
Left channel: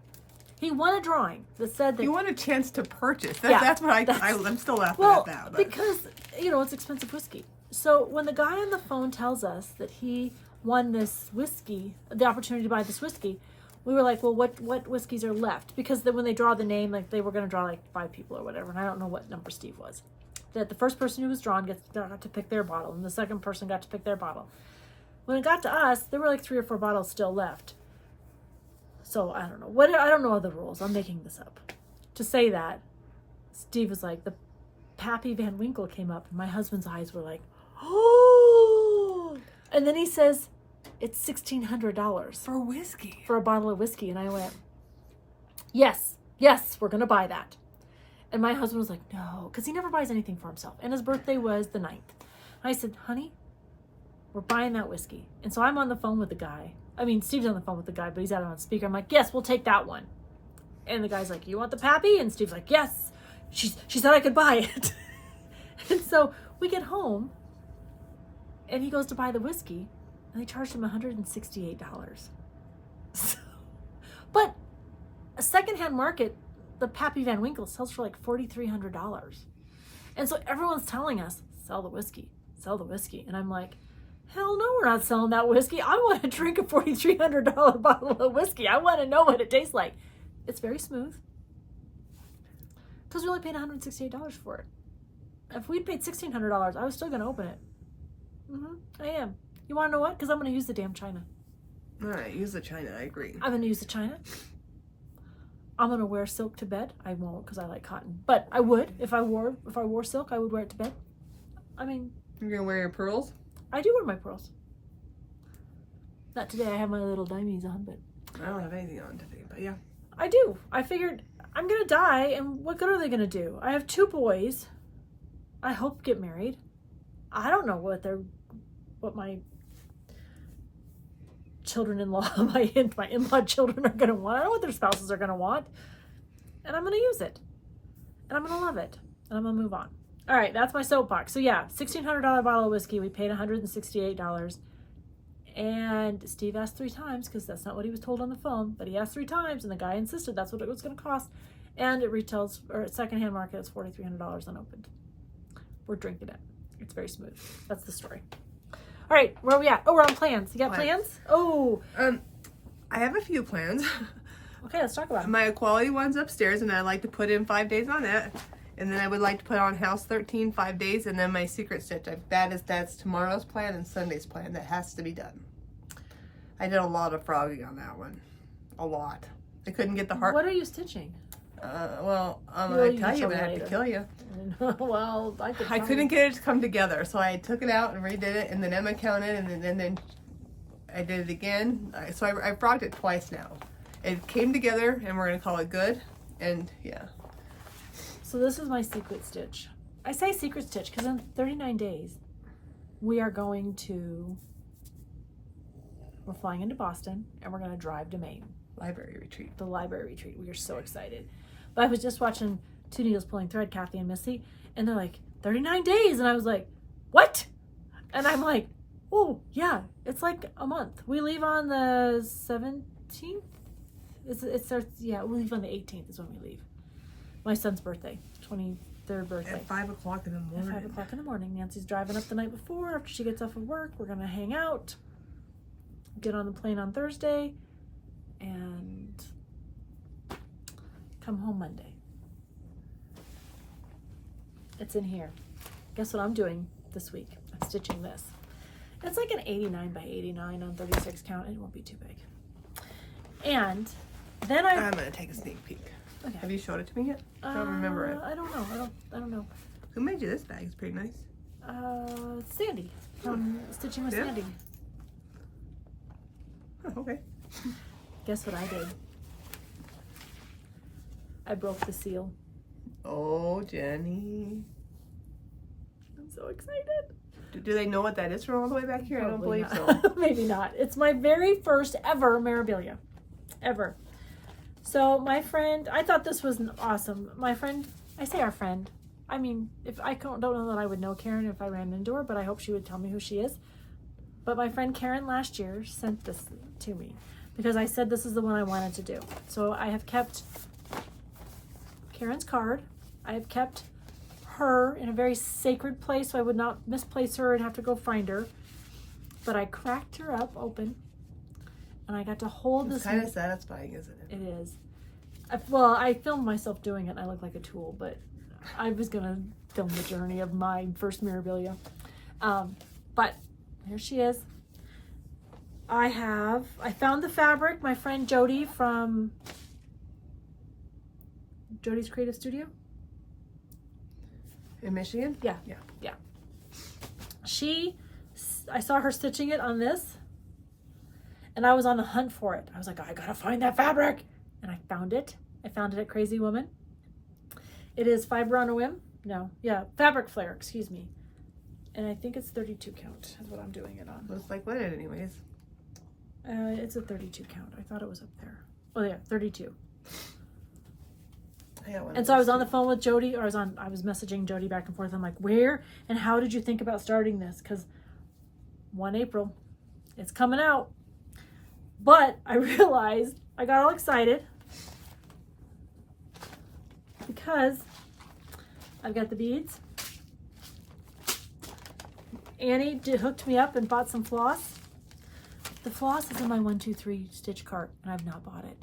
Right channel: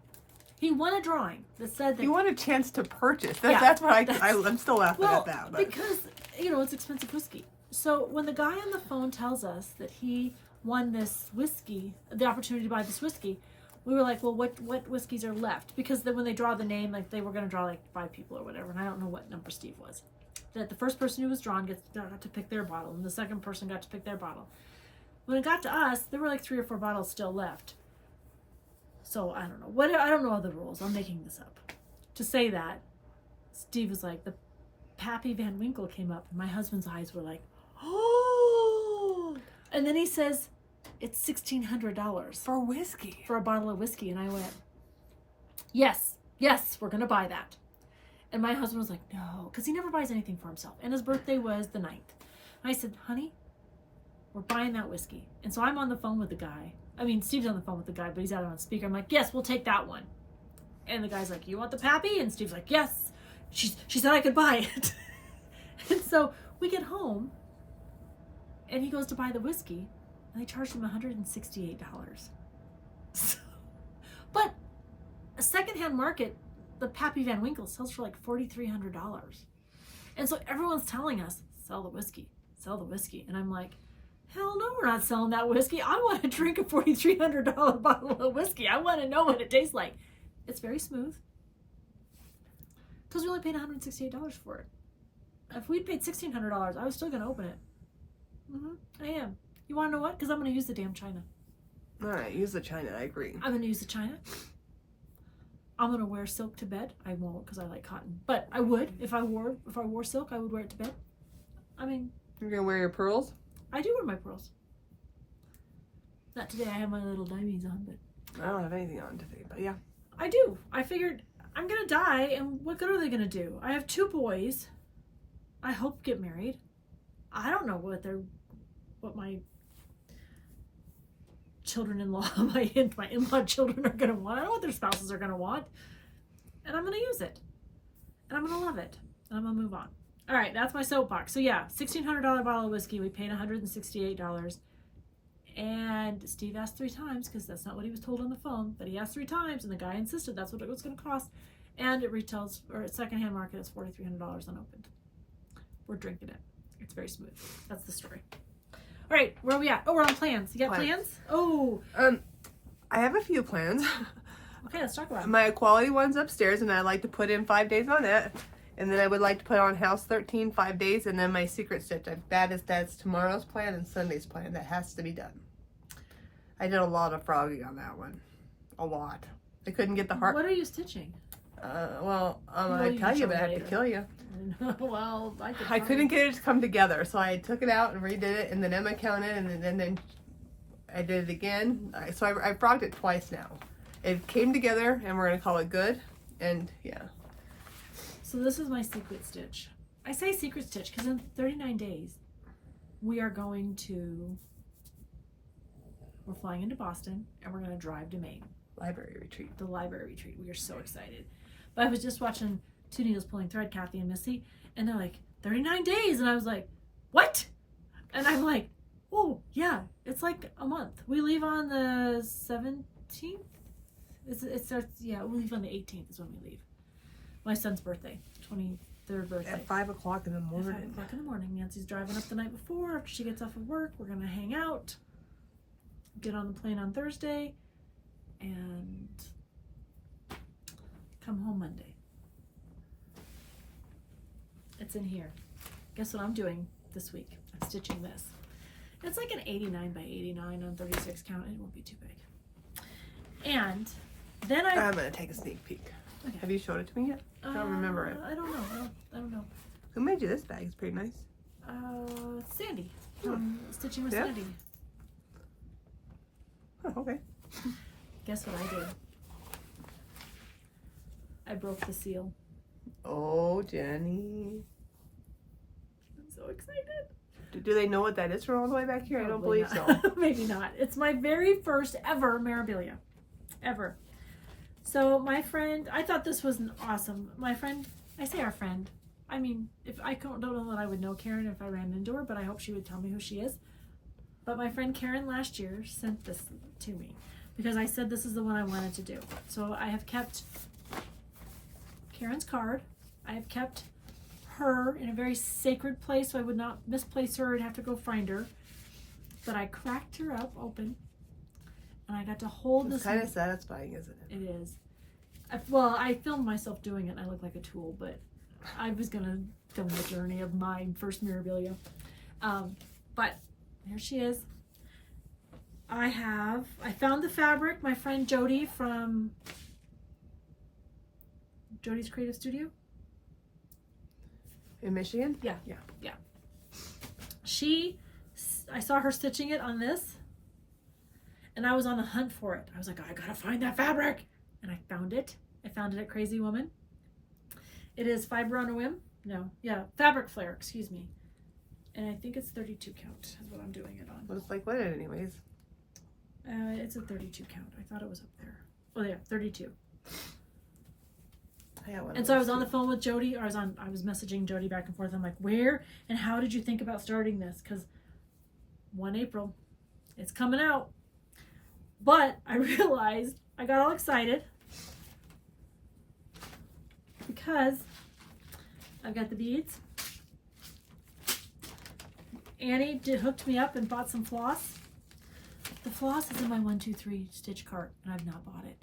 He won a drawing that said that... You want a chance to purchase. That's what I'm still laughing at that. But. Because, it's expensive whiskey. So when the guy on the phone tells us that he won this whiskey, the opportunity to buy this whiskey, we were like, well, what whiskeys are left? Because then when they draw the name, like they were going to draw like 5 people or whatever, and I don't know what number Steve was. That the first person who was drawn got to pick their bottle, and the second person got to pick their bottle. When it got to us, there were like 3 or 4 bottles still left. So I don't know. I don't know all the rules. I'm making this up. To say that, Steve was like, the Pappy Van Winkle came up, and my husband's eyes were like, oh! And then he says, it's $1,600 For whiskey. for a bottle of whiskey. And I went, yes, we're going to buy that. And my husband was like, no, because he never buys anything for himself. And his birthday was the 9th. And I said, honey, we're buying that whiskey. And so I'm on the phone with the guy. I mean, Steve's on the phone with the guy, but he's out on speaker. I'm like, yes, we'll take that one. And the guy's like, you want the Pappy? And Steve's like, yes. She said I could buy it. And so we get home, and he goes to buy the whiskey, and they charged him $168. So, but a secondhand market, the Pappy Van Winkle sells for like $4,300. And so everyone's telling us, sell the whiskey, sell the whiskey. And I'm like, hell no, we're not selling that whiskey. I want to drink a $4,300 bottle of whiskey. I want to know what it tastes like. It's very smooth. Because we only paid $168 for it. If we'd paid $1,600, I was still going to open it. I am. You want to know what? Because I'm going to use the damn china. All right, use the china. I agree. I'm going to use the china. I'm going to wear silk to bed. I won't because I like cotton. But I would. If I wore silk, I would wear it to bed. I mean... You're going to wear your pearls? I do wear my pearls. Not today. I have my little diamonds on, but... I don't have anything on today, but yeah. I do. I figured I'm going to die, and what good are they going to do? I have 2 boys. I hope get married. I don't know what my children-in-law, my in-law children are going to want. I don't know what their spouses are going to want. And I'm going to use it. And I'm going to love it. And I'm going to move on. All right, that's my soapbox. So yeah, $1,600 bottle of whiskey. We paid $168. And Steve asked 3 times because that's not what he was told on the phone. But he asked 3 times, and the guy insisted that's what it was going to cost. And it retails, or at secondhand market, it's $4,300 unopened. We're drinking it. It's very smooth. That's the story. All right, where are we at? Oh, we're on plans. You got plans? Oh. I have a few plans. Okay, let's talk about it. My equality one's upstairs, and I like to put in 5 days on it. And then I would like to put on House 13 5 days, and then my secret stitch. That's tomorrow's plan and Sunday's plan. That has to be done. I did a lot of frogging on that one. A lot. I couldn't get the heart. What are you stitching? Well, I tell you, but I have to kill you. Well, I couldn't get it to come together, so I took it out and redid it, and then Emma counted, and then I did it again. So I frogged it twice now. It came together, and we're gonna call it good. And yeah. So this is my secret stitch. I say secret stitch because in 39 days we are going to. We're flying into Boston, and we're gonna drive to Maine. Library retreat. The library retreat. We are so excited. But I was just watching Two Needles Pulling Thread, Kathy and Missy, and they're like, 39 days. And I was like, what? And I'm like, oh, yeah, it's like a month. We leave on the 17th? It starts, yeah, we leave on the 18th is when we leave. My son's birthday, 23rd birthday. At 5 o'clock in the morning. At 5 o'clock in the morning. Nancy's driving up the night before. After she gets off of work, we're going to hang out, get on the plane on Thursday, and come home Monday. It's in here. Guess what I'm doing this week? I'm stitching this. It's like an 89 by 89 on 36 count. It won't be too big. And then I'm going to take a sneak peek. Okay. Have you showed it to me yet? I don't remember it. I don't know. I don't know. Who made you this bag? It's pretty nice. Sandy from Stitching with Sandy. Oh, okay. Guess what I did? I broke the seal. Oh, Jenny. I'm so excited. Do they know what that is from all the way back here? Probably I don't believe so. Maybe not. It's my very first ever memorabilia. Ever. So my friend, I thought this was awesome. My friend, I say our friend. I mean, if I don't know that I would know Karen if I ran into her, but I hope she would tell me who she is. But my friend Karen last year sent this to me because I said this is the one I wanted to do. So I have kept Karen's card. I have kept her in a very sacred place so I would not misplace her and have to go find her. But I cracked her up open and I got to hold this. It's kind of satisfying, isn't it? It is. Well, I filmed myself doing it and I look like a tool, but I was going to film the journey of my first memorabilia. But here she is. I found the fabric. My friend Jody from Jody's Creative Studio. In Michigan? Yeah. I saw her stitching it on this and I was on the hunt for it. I was like, I gotta find that fabric. And I found it. I found it at Crazy Woman. It is Fiber on a Whim. No, yeah, Fabric Flare, excuse me. And I think it's 32 count is what I'm doing it on. Looks like linen anyways. It's a 32 count. I thought it was up there. Oh yeah, 32. And so I was on the phone with Jody, or I was messaging Jody back and forth. I'm like, where and how did you think about starting this? Because 1 April, it's coming out. But I realized I got all excited because I've got the beads. Annie hooked me up and bought some floss. The floss is in my 1, 2, 3 stitch cart, and I've not bought it.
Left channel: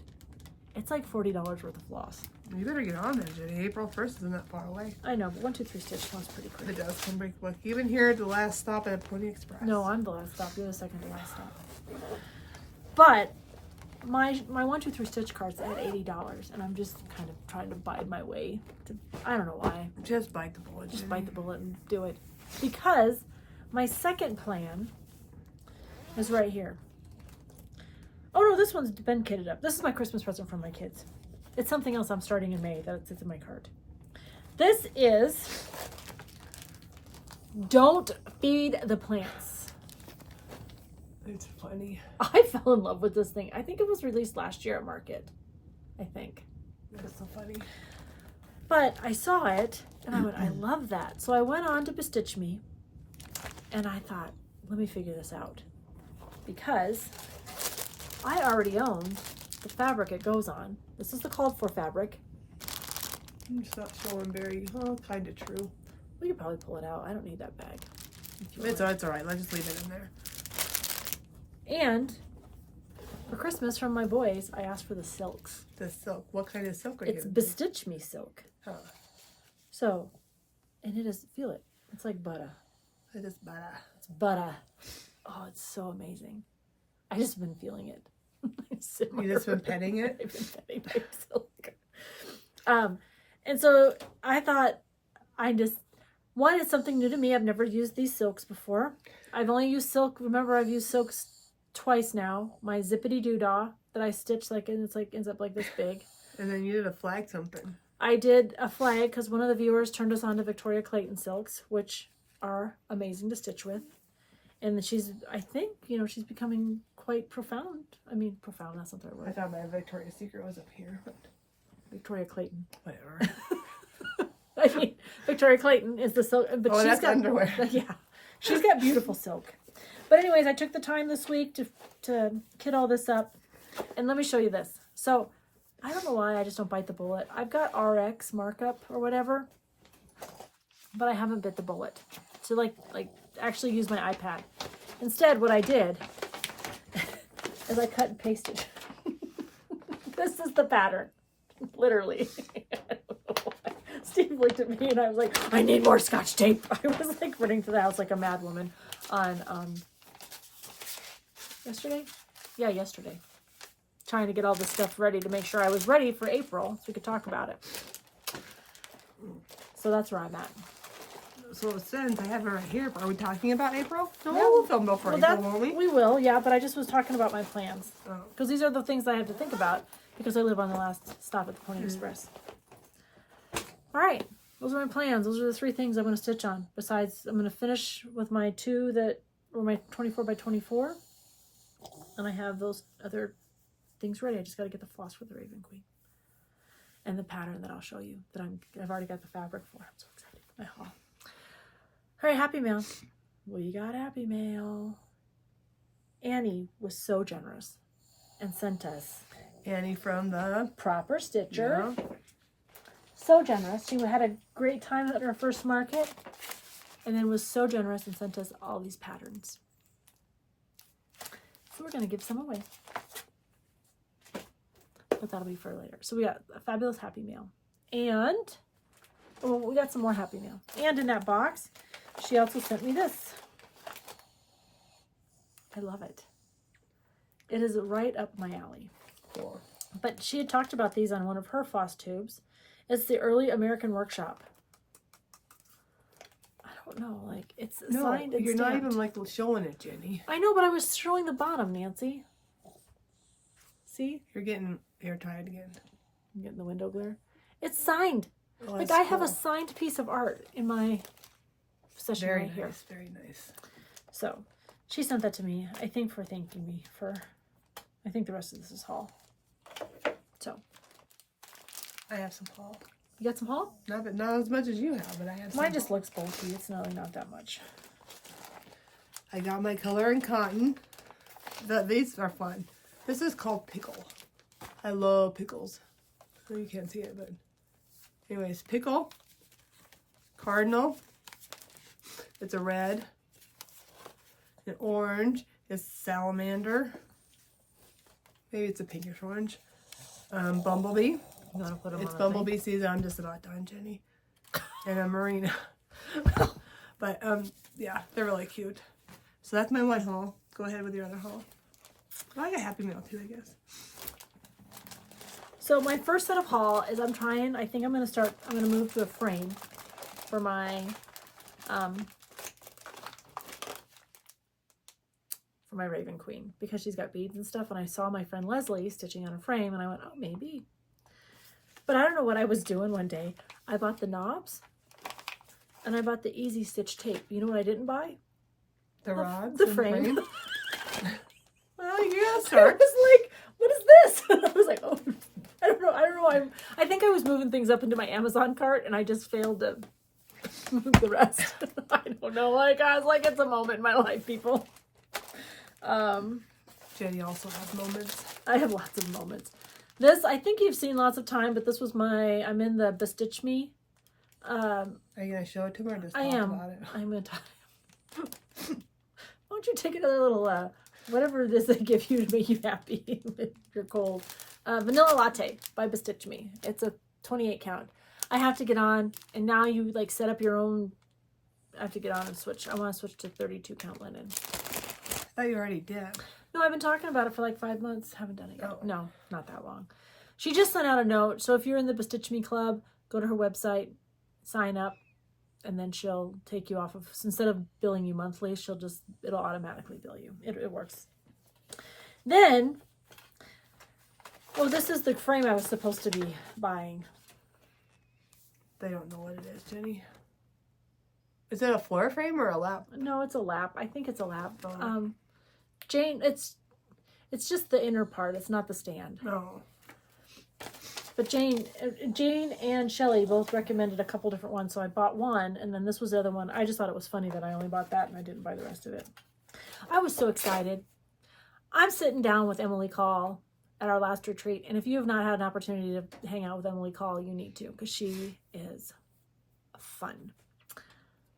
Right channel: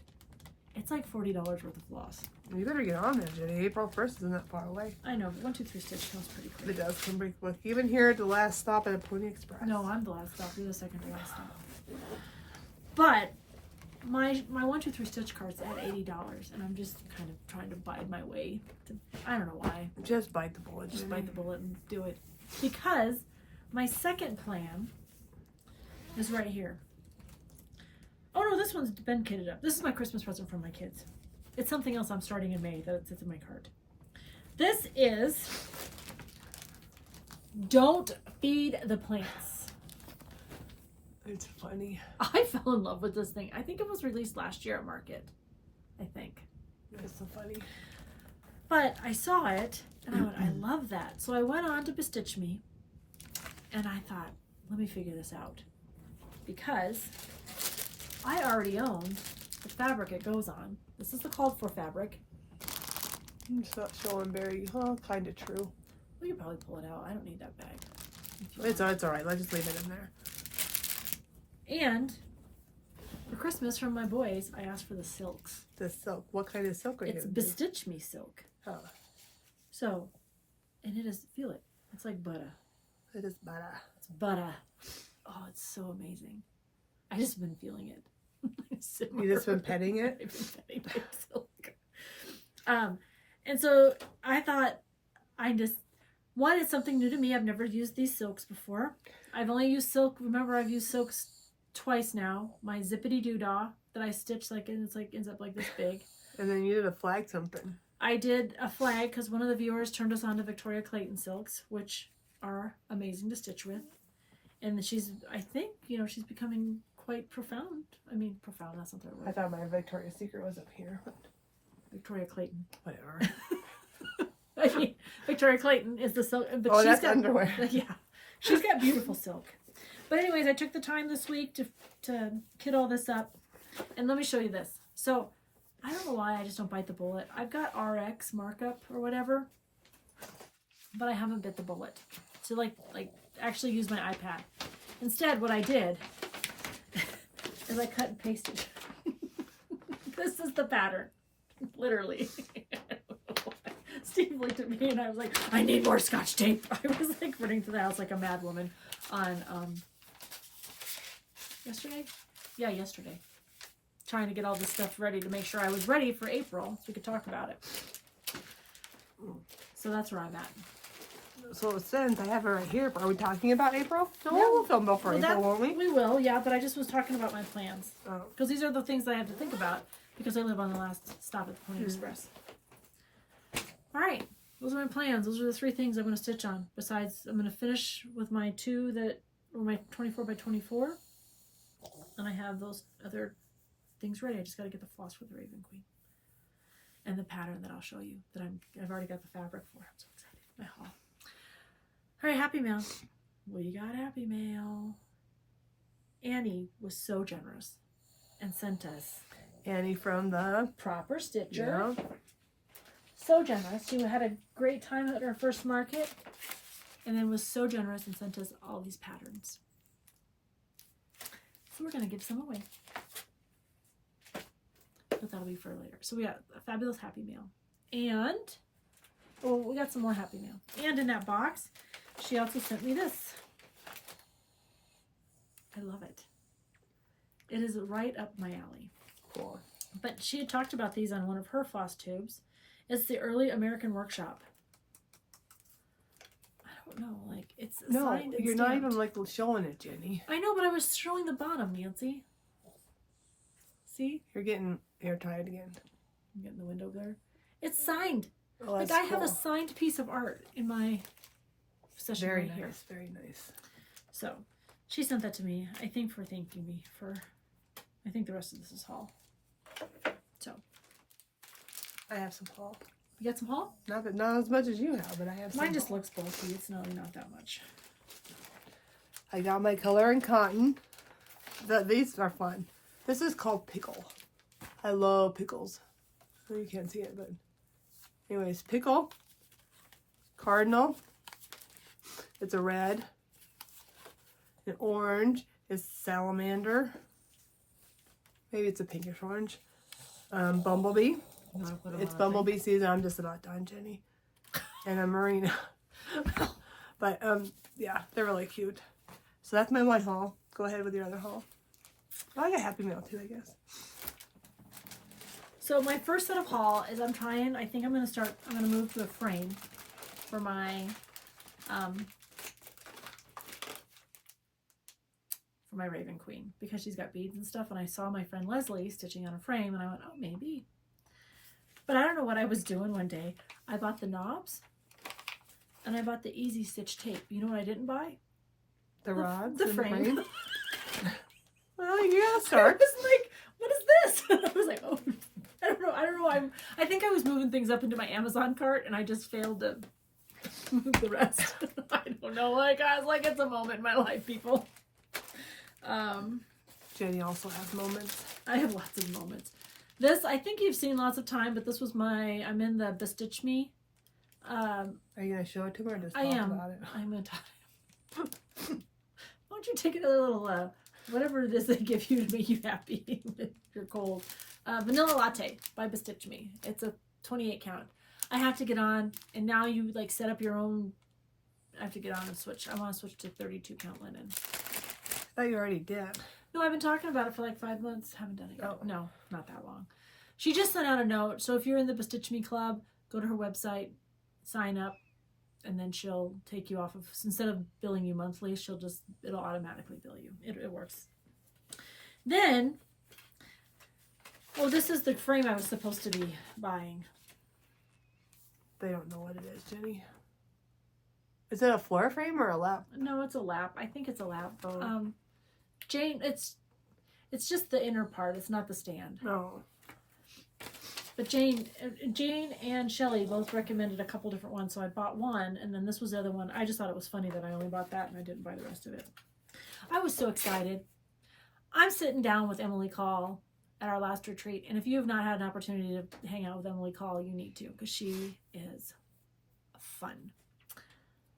It's like $40 worth of floss. You better get on there, Jenny. April 1st isn't that far away. I know, but 1, 2, 3 stitch comes pretty quick. It does come pretty quick. Even here at the last stop at a Pony Express. No, I'm the last stop. You're the second to last stop. But my 1, 2, 3 stitch cart's at $80, and I'm just kind of trying to bide my way. I don't know why. Just bite the bullet. Just bite the bullet and do it. Because my second plan is right here. Oh no, this one's been kitted up. This is my Christmas present from my kids. It's something else I'm starting in May that sits in my cart. This is Don't Feed the Plants. It's funny. I fell in love with this thing. I think it was released last year at Market. I think. That's so funny. But I saw it and I went, I love that. So I went on to Bestitch Me and I thought, let me figure this out. Because I already owned the fabric it goes on. This is the called for fabric. It's not showing very, kind of true. We could probably pull it out. I don't need that bag. It's all right. Let's just leave it in there. And for Christmas from my boys, I asked for the silks. The silk. What kind of silk are you It's going to do? Bestitch Me silk. Oh, So, and it is, feel it. It's like butter. it is butter. It's butter. Oh, it's so amazing. I just been feeling it. You just been petting it? I've been petting my silk. And so I thought one, it's something new to me. I've never used these silks before. I've only used silk. Remember, I've used silks twice now. My zippity doodah that I stitched and it's ends up like this big. And then you did a flag something. I did a flag because one of the viewers turned us on to Victoria Clayton silks, which are amazing to stitch with. And I think, she's becoming quite profound. I mean, profound, that's not the right word. I thought my Victoria's Secret was up here. Victoria Clayton. Whatever. I mean, Victoria Clayton is the silk. But that's underwear. Yeah. She's got beautiful silk. But anyways, I took the time this week to kit all this up. And let me show you this. So, I don't know why I just don't bite the bullet. I've got RX markup or whatever. But I haven't bit the bullet. So, like actually use my iPad. Instead, what I did is I cut and pasted. This is the pattern. Literally. Steve looked at me and I was like, I need more Scotch tape. I was like running to the house like a mad woman on yesterday? Yeah, yesterday. Trying to get all this stuff ready to make sure I was ready for April so we could talk about it. So that's where I'm at. So since I have it right here, are we talking about April? No, we'll film before April, won't we? We will, yeah, but I just was talking about my plans. Oh. Because these are the things I have to think about because I live on the last stop at the Pony Express. All right, those are my plans. Those are the 3 things I'm going to stitch on. Besides, I'm going to finish with my 2 that were my 24 by 24. And I have those other things ready. I just got to get the floss for the Raven Queen. And the pattern that I'll show you that I've already got the fabric for. I'm so excited for my haul. All right, happy mail. We got happy mail. Annie was so generous and sent us Annie from the Proper Stitcher. Yeah. So generous. She had a great time at our first market and then was so generous and sent us all these patterns. So we're going to give some away. But that'll be for later. So we got a fabulous happy mail. And, we got some more happy mail. And in that box, she also sent me this. I love it. It is right up my alley. Cool. But she had talked about these on one of her FlossTubes. It's the Early American Workshop. I don't know, it's signed and you're not stamped. even showing it, Jenny. I know, but I was showing the bottom, Nancy. See? You're getting hair tied again. I'm getting the window there. It's signed. Oh, Like that's I have a cool. signed piece of art in my possession Very right nice, here. very nice. So she sent that to me, I think for thanking me for, I think the rest of this is haul. So. I have some haul. You got some haul? Not as much as you have, but I have some. Mine just haul. looks bulky. It's really not that much. I got my color in cotton. These are fun. This is called Pickle. I love pickles. So you can't see it, but anyways, Pickle, Cardinal. It's a red. An orange is Salamander. Maybe it's a pinkish orange. Bumblebee. You want to put them It's on a Bumblebee season. I'm just about done, Jenny. And a Marina. But yeah, they're really cute. So that's my one haul. Go ahead with your other haul. Oh, I got Happy Meal too, I guess. So my first set of haul is I think I'm going to move to a frame for my Raven Queen because she's got beads and stuff. And I saw my friend Leslie stitching on a frame and I went, oh, maybe. But I don't know what I was doing one day. I bought the knobs and I bought the Easy Stitch tape. You know what I didn't buy? The rods, the and frame. Well, you gotta I start. was like, what is this? And I was like, oh, I don't know. I think I was moving things up into my Amazon cart and I just failed to move the rest. I don't know. Like, I was like, it's a moment in my life, people. Jenny also has moments. I have lots of moments. This, I think you've seen lots of time, but this was I'm in the Bestitch Me. Are you gonna show it to me or just I talk am. about it? I'm going to talk. Why don't you take another little, whatever it is they give you to make you happy if you're cold. Vanilla Latte by Bestitch Me. It's a 28 count. I have to get on, and now you like set up your own. I have to get on and switch. I want to switch to 32 count linen. I thought you already did. No, I've been talking about it for like 5 months. Haven't done it yet. Oh. No, not that long. She just sent out a note. So if you're in the Bestitch Me Club, go to her website, sign up, and then she'll take you off of, instead of billing you monthly, it'll automatically bill you. It works. Then, this is the frame I was supposed to be buying. They don't know what it is, Jenny. Is it a floor frame or a lap? No, it's a lap. I think it's a lap. Oh. Jane, it's just the inner part. It's not the stand. No. But Jane and Shelly both recommended a couple different ones, so I bought one, and then this was the other one. I just thought it was funny that I only bought that and I didn't buy the rest of it. I was so excited. I'm sitting down with Emily Call at our last retreat, and if you have not had an opportunity to hang out with Emily Call, you need to, because she is fun.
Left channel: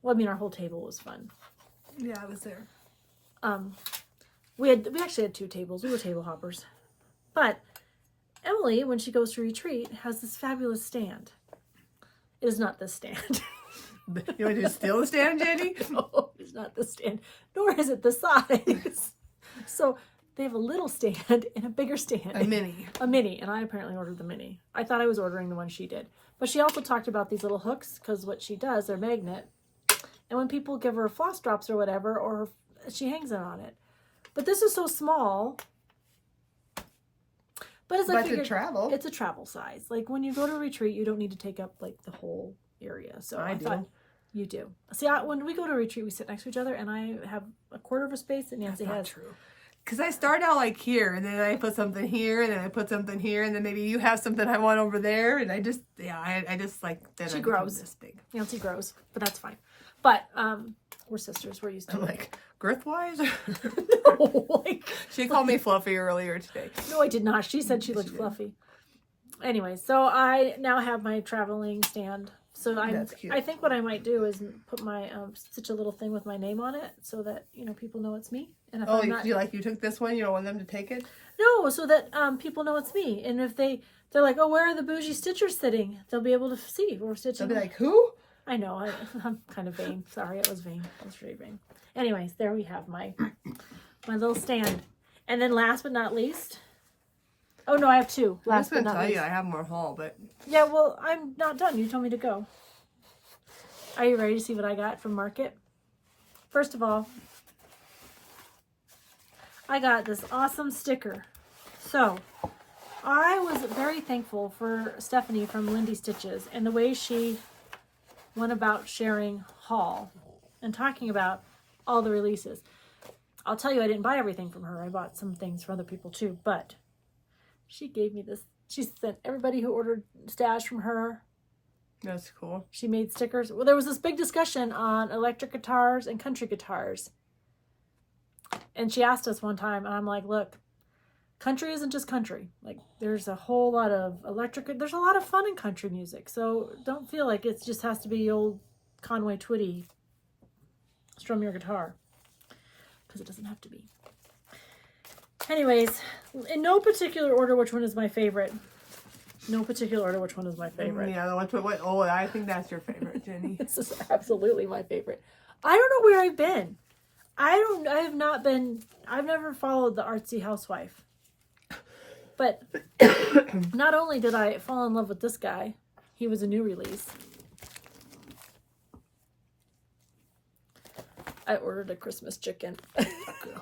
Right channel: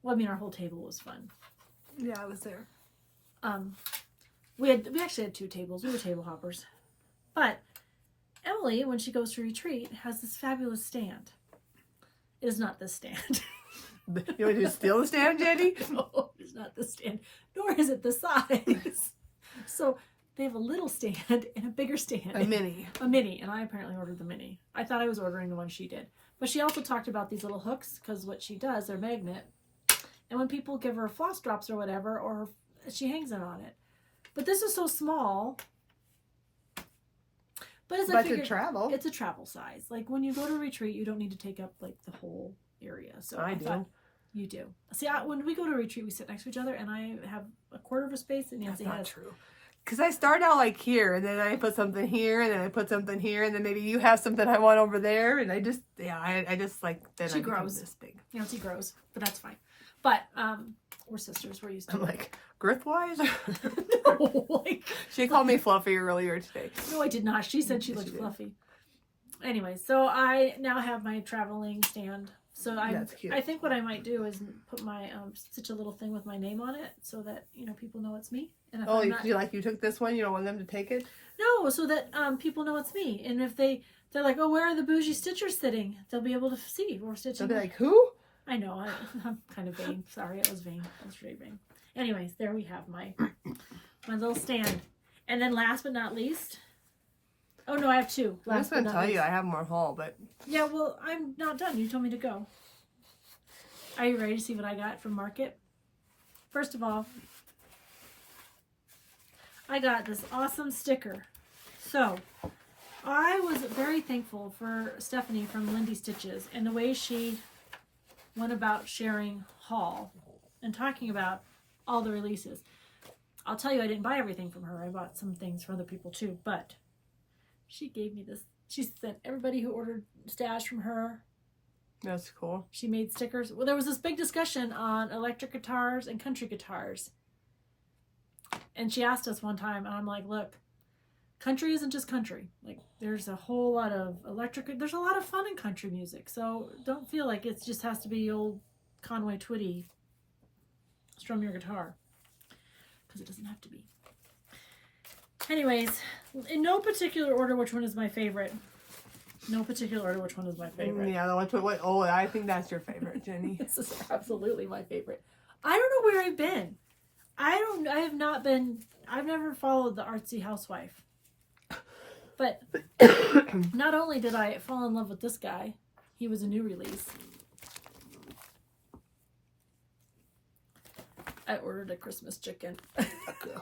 Well, I mean, our whole table was fun. Yeah, I was there. We actually had 2 tables. We were table hoppers. But Emily, when she goes to retreat, has this fabulous stand. It is not this stand. You want to steal the stand, Jenny? No, it's not the stand. Nor is it the size. So they have a little stand and a bigger stand. A mini. A mini. And I apparently ordered the mini. I thought I was ordering the one she did. But she also talked about these little hooks, because what she does, they're magnet. And when people give her floss drops or whatever, or she hangs them on it. But this is so small. But as I figured, to travel. it's a travel size. Like when you go to a retreat, you don't need to take up like the whole area. So I do. thought you do. See, when we go to a retreat, we sit next to each other, and I have a quarter of a space, and Nancy That's not has. true. Because I start out like here, and then I put something here, and then I put something here, and then maybe you have something I want over there, and I just like, then She I become grows. this big. Nancy grows, but that's fine. But we're sisters. We're used to I'm it. like, girth-wise? No, like, She called me fluffy earlier today. no, I did not. She said she looked fluffy. Anyway, so I now have my traveling stand. So That's cute. I think what I might do is put my stitch a little thing with my name on it, so that people know it's me. And if Oh, I'm not, you took this one? You don't want them to take it? no, so that people know it's me. And if they're like, oh, where are the Bougie Stitchers sitting? They'll be able to see we're stitching. They'll be like, who? I know, I'm kind of vain. Sorry, I was vain. I was very vain. Anyways, there we have my little stand. And then last but not least, oh no, I have 2. I was Last going but to not tell you least. I have more haul, but Yeah, well, I'm not done. You told me to go. Are you ready to see what I got from Market? First of all, I got this awesome sticker. So, I was very thankful for Stephanie from Lindy Stitches and the way she went about sharing haul and talking about all the releases. I'll tell you, I didn't buy everything from her. I bought some things for other people too, but she gave me this. She sent everybody who ordered stash from her. That's cool. She made stickers. Well, there was this big discussion on electric guitars and country guitars. And she asked us one time, and I'm like, look, country isn't just country. Like, there's a whole lot of there's a lot of fun in country music. So don't feel like it just has to be old Conway Twitty, strum your guitar. Because it doesn't have to be. Anyways, in no particular order, which one is my favorite? No particular order, which one is my favorite? Yeah, oh, I think that's your favorite, Jenny. This is absolutely my favorite. I don't know where I've been. I've never followed the artsy housewife. But not only did I fall in love with this guy, he was a new release. I ordered a Christmas chicken.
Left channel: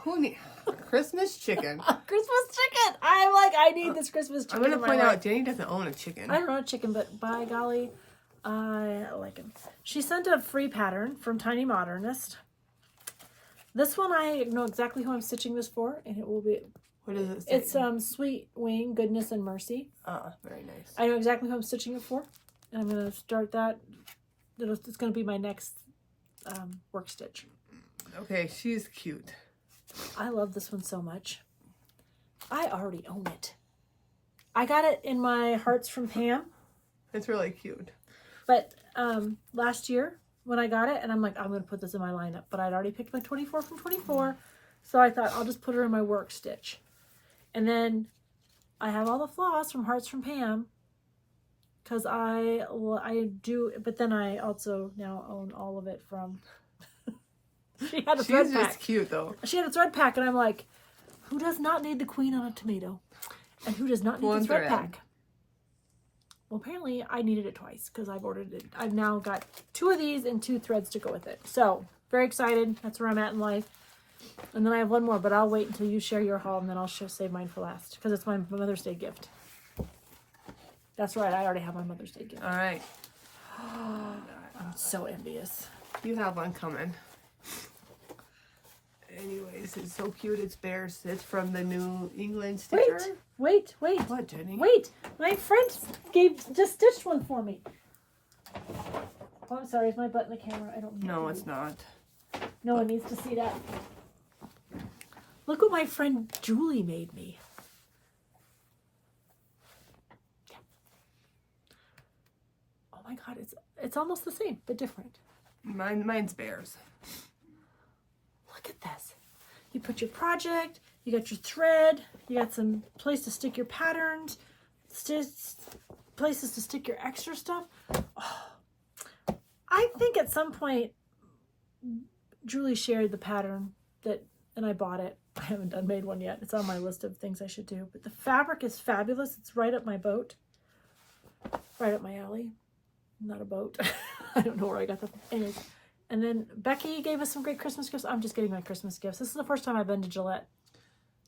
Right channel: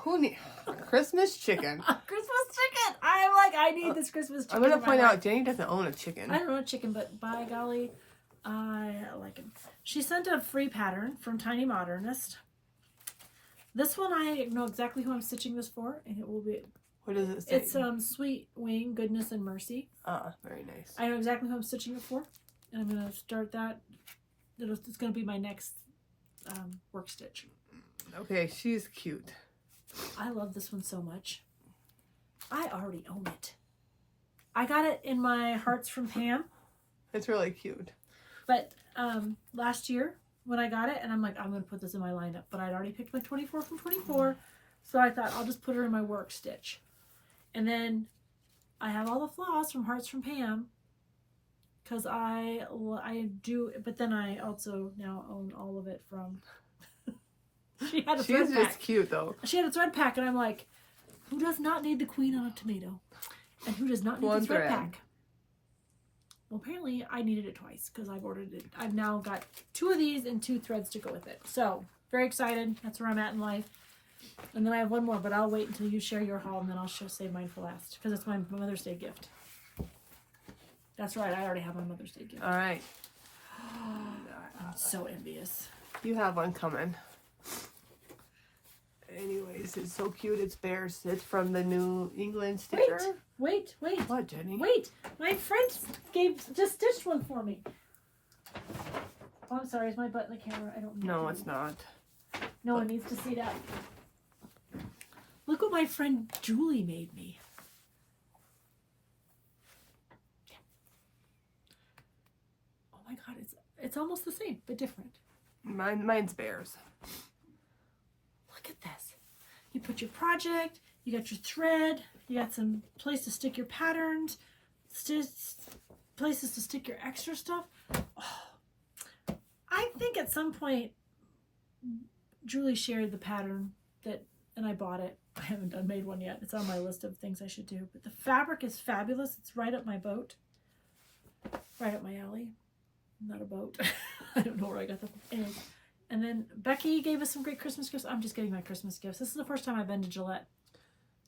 Who needs Christmas chicken? Christmas chicken! I'm like, I need this Christmas chicken. I'm going to point out, Jenny doesn't own a chicken. I don't own a chicken, but by golly, I like him. She sent a free pattern from Tiny Modernist. This one, I know exactly who I'm stitching this for, and it will be... What does it say? It's Sweet Wing, Goodness, and Mercy. Very nice. I know exactly who I'm stitching it for. And I'm going to start that. It's going to be my next work stitch. Okay, she's cute. I love this one so much. I already own it. I got it in my Hearts from Pam. It's really cute. But last year when I got it, and I'm like, I'm going to put this in my lineup. But I'd already picked my 24 from 24. So I thought I'll just put her in my work stitch. And then I have all the floss from Hearts from Pam. Because I do, but then I also now own all of it from... She had a thread She's pack. just cute, though. She had a thread pack, and I'm like, who does not need the queen on a tomato? And who does not need the thread pack? Well, apparently I needed it twice because I've ordered it. I've now got 2 of these and 2 threads to go with it. So, very excited. That's where I'm at in life. And then I have one more, but I'll wait until you share your haul, and then I'll save mine for last because it's my Mother's Day gift. That's right. I already have my Mother's Day gift. All right. I'm so envious. You have one coming. Anyways, it's so cute. It's bears. It's from the New England Stitcher. Wait. What, Jenny? Wait. My friend just stitched one for me. Oh, I'm sorry. Is my butt in the camera? I don't know. No, it's not. No one needs to see that. Look what my friend Julie made me. Oh my God, it's almost the same, but different. Mine's bears. Look at this. You put your project, you got your thread, you got some place to stick your patterns, places to stick your extra stuff. Oh, I think at some point Julie shared the pattern and I bought it. I haven't made one yet. It's on my list of things I should do. But the fabric is fabulous. It's right up my boat. Right up my alley. Not a boat. I don't know where I got that. Anyways. And then Becky gave us some great Christmas gifts. I'm just getting my Christmas gifts. This is the first time I've been to Gillette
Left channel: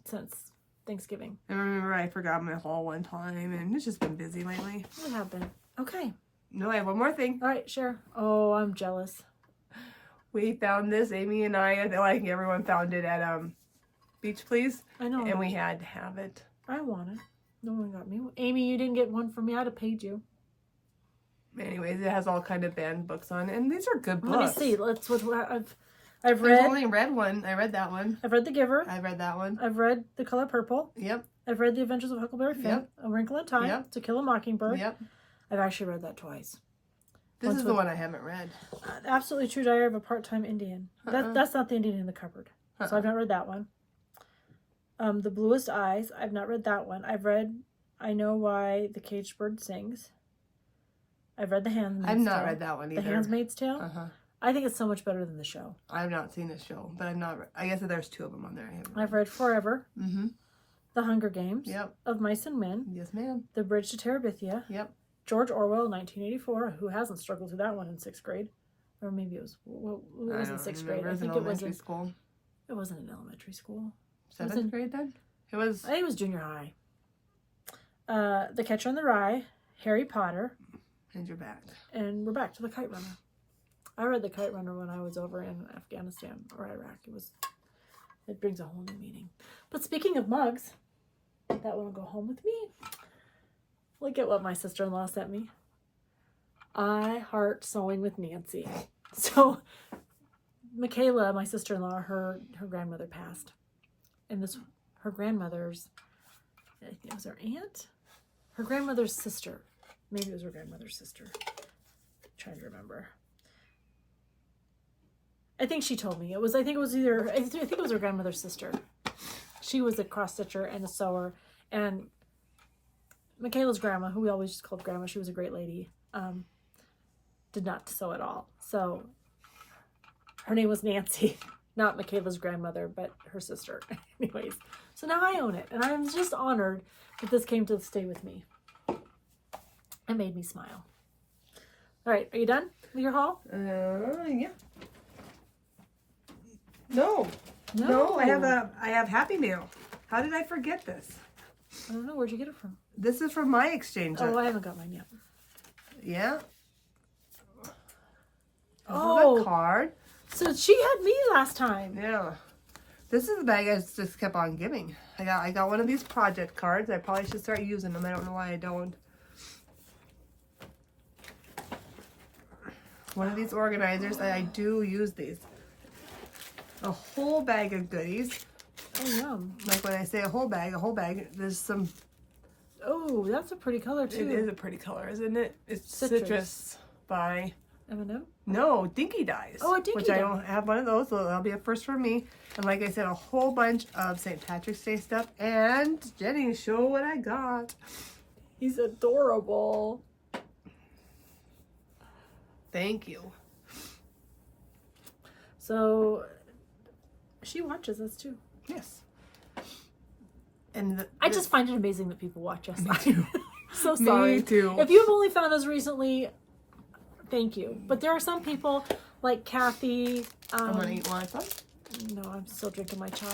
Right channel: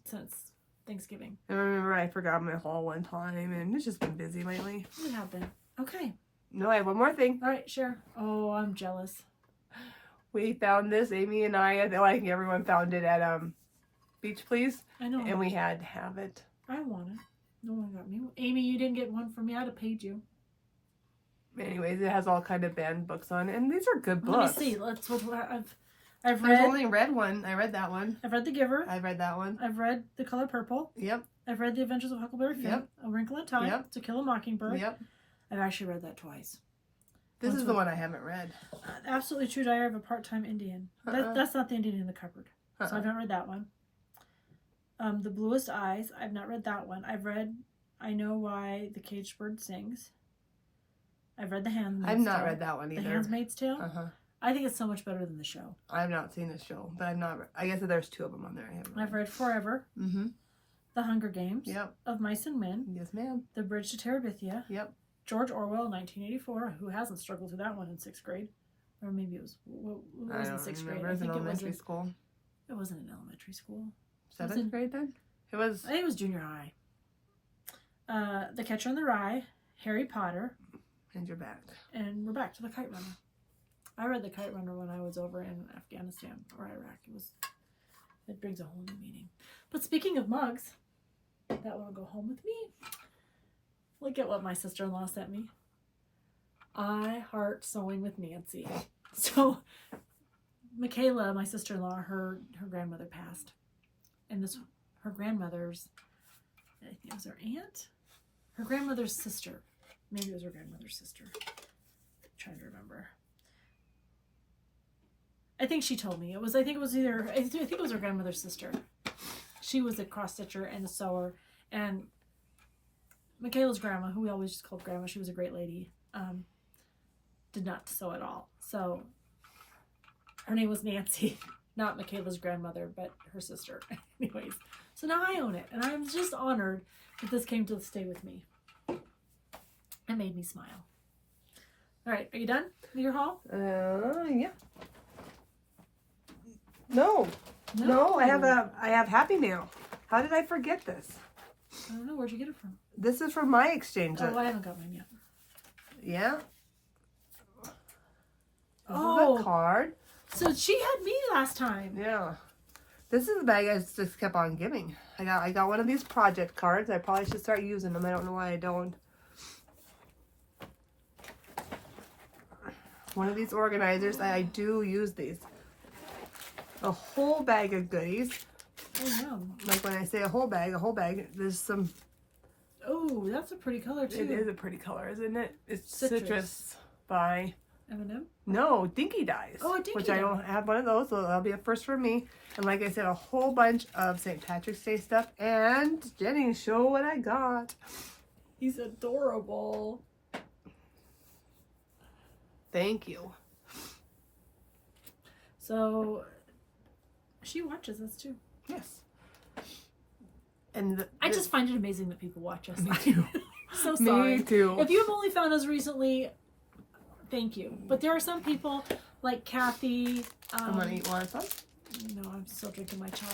since Thanksgiving. I remember I forgot my haul one time, and it's just been busy lately. We have been. Okay. No, I have one more thing. All right, sure. Oh, I'm jealous. We found this, Amy and I think everyone found it at Beach Please. I know. And we had to have it. I want it. No one got me. Amy, you didn't get one for me. I'd have paid you. Anyways, it has all kind of band books on it, and these are good books. Let me see. I've There's read. only read one. I read that one. I've read The Giver. I read that one. I've read The Color Purple. Yep. I've read The Adventures of Huckleberry Finn. Yep. A Wrinkle in Time. Yep. To Kill a Mockingbird. Yep. I've actually read that twice. This is the one I haven't read. Absolutely True Diary of a Part-Time Indian. That's not the Indian in the cupboard. So I've not read that one. The Bluest Eyes. I've not read that one. I've read I Know Why the Caged Bird Sings. I've read The Handmaid's Tale. I've not read that one either. The Handmaid's Tale. I think it's so much better than the show. I've not seen the show, but I guess there's 2 of them on there. I've read Forever. Mm-hmm. The Hunger Games. Yep. Of Mice and Men. Yes, ma'am. The Bridge to Terabithia. Yep. George Orwell, 1984. Who hasn't struggled through that one in 6th grade? Or maybe it was in 6th grade. It was in elementary school. It wasn't in elementary school. 7th grade then? It was. I think it was junior high. The Catcher in the Rye, Harry Potter, And you're back. and we're back to The Kite Runner. I read The Kite Runner when I was over in Afghanistan or Iraq. It brings a whole new meaning. But speaking of mugs, that will go home with me. Look at what my sister-in-law sent me. I heart sewing with Nancy. So Michaela, my sister-in-law, her grandmother passed. And her grandmother's, I think it was her aunt? Her grandmother's sister. Maybe it was her grandmother's sister. I'm trying to remember. I think she told me. I think it was her grandmother's sister. She was a cross-stitcher and a sewer. And Michaela's grandma, who we always just called grandma, she was a great lady, did not sew at all. So her name was Nancy, not Michaela's grandmother, but her sister. Anyways, so now I own it. And I'm just honored that this came to stay with me. It made me smile. All right, are you done with your haul? Yeah. No, I have Happy Mail. How did I forget this? I don't know. Where'd you get it from? This is from my exchange. Oh, I haven't got mine yet. Yeah. This Oh, is a card. So she had me last time. Yeah. This is the bag I just kept on giving. I got one of these project cards. I probably should start using them. I don't know why I don't. One of these organizers. I do use these. A whole bag of goodies. Oh, yum. Like when I say a whole bag, there's some. Oh, that's a pretty color too. It is a pretty color, isn't it? It's Citrus. Citrus by M&M? No, Dinky Dyes. Oh, a Dinky Which I Dye. don't have one of those, so that'll be a first for me. And like I said, a whole bunch of St. Patrick's Day stuff. And Jenny, show what I got. He's adorable. Thank you. So she watches us too. Yes. And I just find it amazing that people watch us. Me too. So sorry. Me too. If you've only found us recently, thank you. But there are some people like Kathy. I'm gonna eat one. No, I'm still drinking my chai.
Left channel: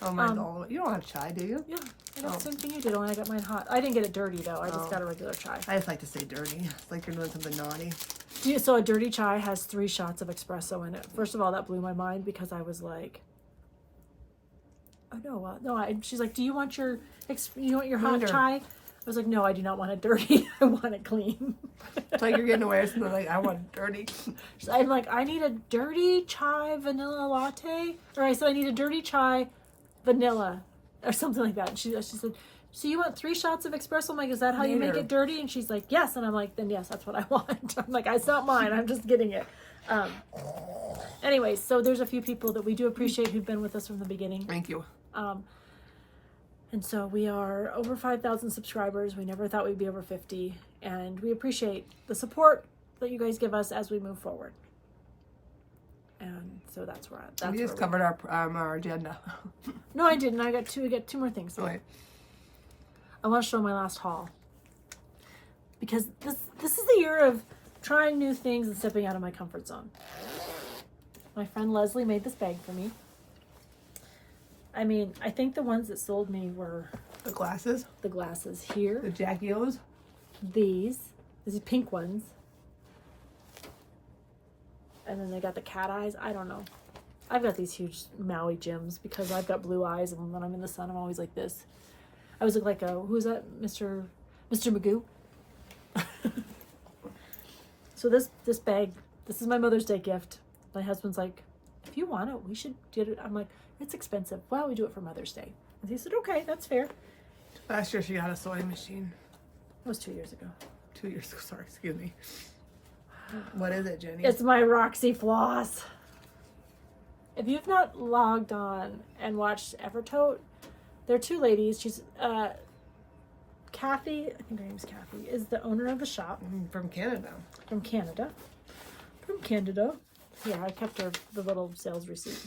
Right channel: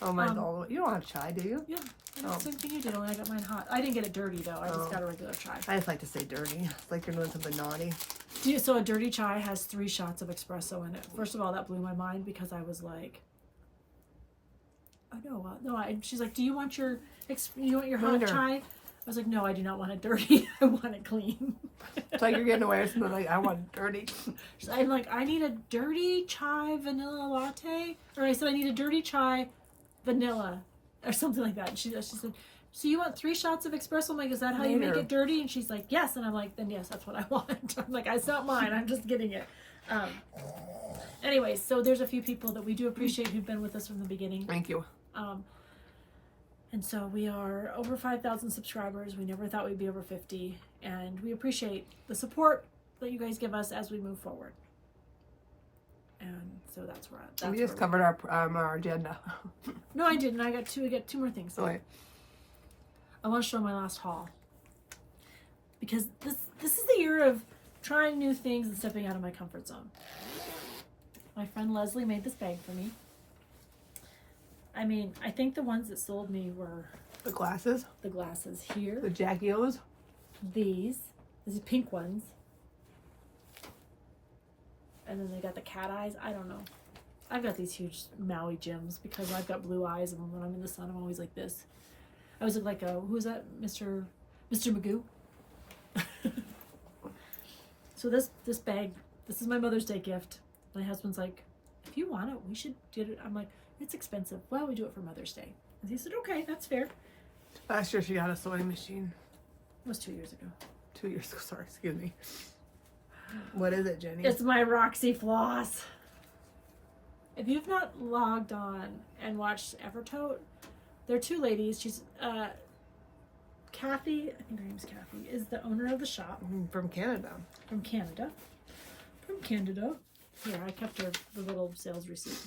Oh, mine's all the way. You don't have chai, do you? Yeah, that's the same thing you did when I got mine hot. I didn't get it dirty though. I just Oh. got a regular chai. I just like to say dirty. It's like you're doing something naughty. Yeah, so a dirty chai has 3 shots of espresso in it. First of all, that blew my mind because I was like, oh no. She's like, do you want your hot Later. chai? I was like, no, I do not want it dirty. I want it clean. It's like you're getting away with something like, I want it dirty. I'm like, I need a dirty chai vanilla latte. Or I said, I need a dirty chai vanilla or something like that. And she said, so you want 3 shots of espresso? I'm like, is that how you make Later. it dirty? And she's like, yes. And I'm like, then yes, that's what I want. I'm like, it's not mine. I'm just getting it. Anyways, so there's a few people that we do appreciate who've been with us from the beginning. Thank you. And so we are over 5,000 subscribers. We never thought we'd be over 50. And we appreciate the support that you guys give us as we move forward. And so that's where We just covered our agenda. No, I didn't. I got two more things. Okay. I want to show my last haul. Because this is the year of trying new things and stepping out of my comfort zone. My friend Leslie made this bag for me. I mean, I think the ones that sold me were The glasses. the glasses here. The Jackie O's. These pink ones. And then they got the cat eyes. I don't know. I've got these huge Maui gems because I've got blue eyes, and when I'm in the sun, I'm always like this. I always look like who's that? Mr. Magoo. So this bag, this is my Mother's Day gift. My husband's like, if you want it, we should get it. I'm like, it's expensive. Why don't we do it for Mother's Day? And he said, okay, that's fair. Last year she got a sewing machine. It was 2 years ago. 2 years ago, sorry, excuse me. What is it, Jenny? It's my Roxy floss. If you've not logged on and watched Evertote, there are 2 ladies. She's Kathy, I think her name's Kathy, is the owner of the shop. From Canada. From Canada. From Canada. Yeah, I kept her the little sales receipt.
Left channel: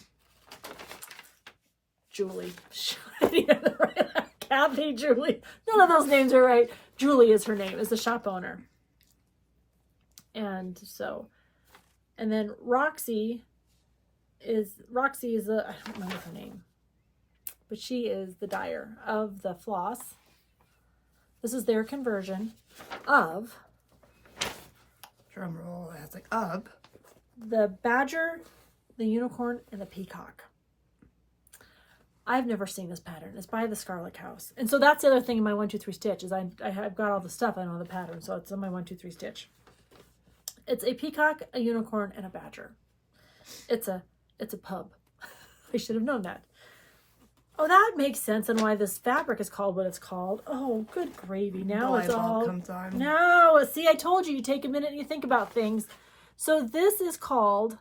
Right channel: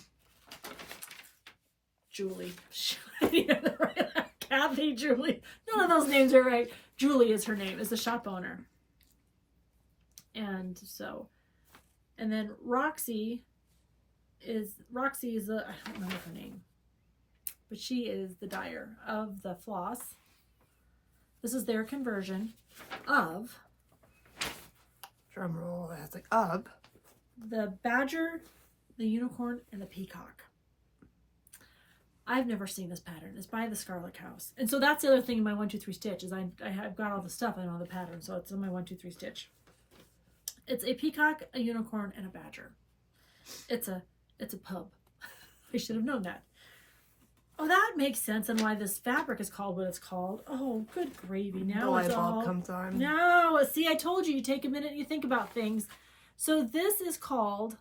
Julie. Kathy, Julie. None of those names are right. Julie is her name, is the shop owner. And then Roxy is I don't remember her name, but she is the dyer of the floss. This is their conversion of drum roll. That's like of the badger, the unicorn, and the peacock. I've never seen this pattern. It's by the Scarlet House. And so that's the other thing in my 1, 2, 3 stitch is I've got all the stuff. I know the pattern. So it's in my 1, 2, 3 stitch. It's a peacock, a unicorn, and a badger. It's a pub. I should have known that. Oh, that makes sense on why this fabric is called what it's called. Oh, good gravy. Now it's all comes on. No, see, I told you take a minute and you think about things. So this is called,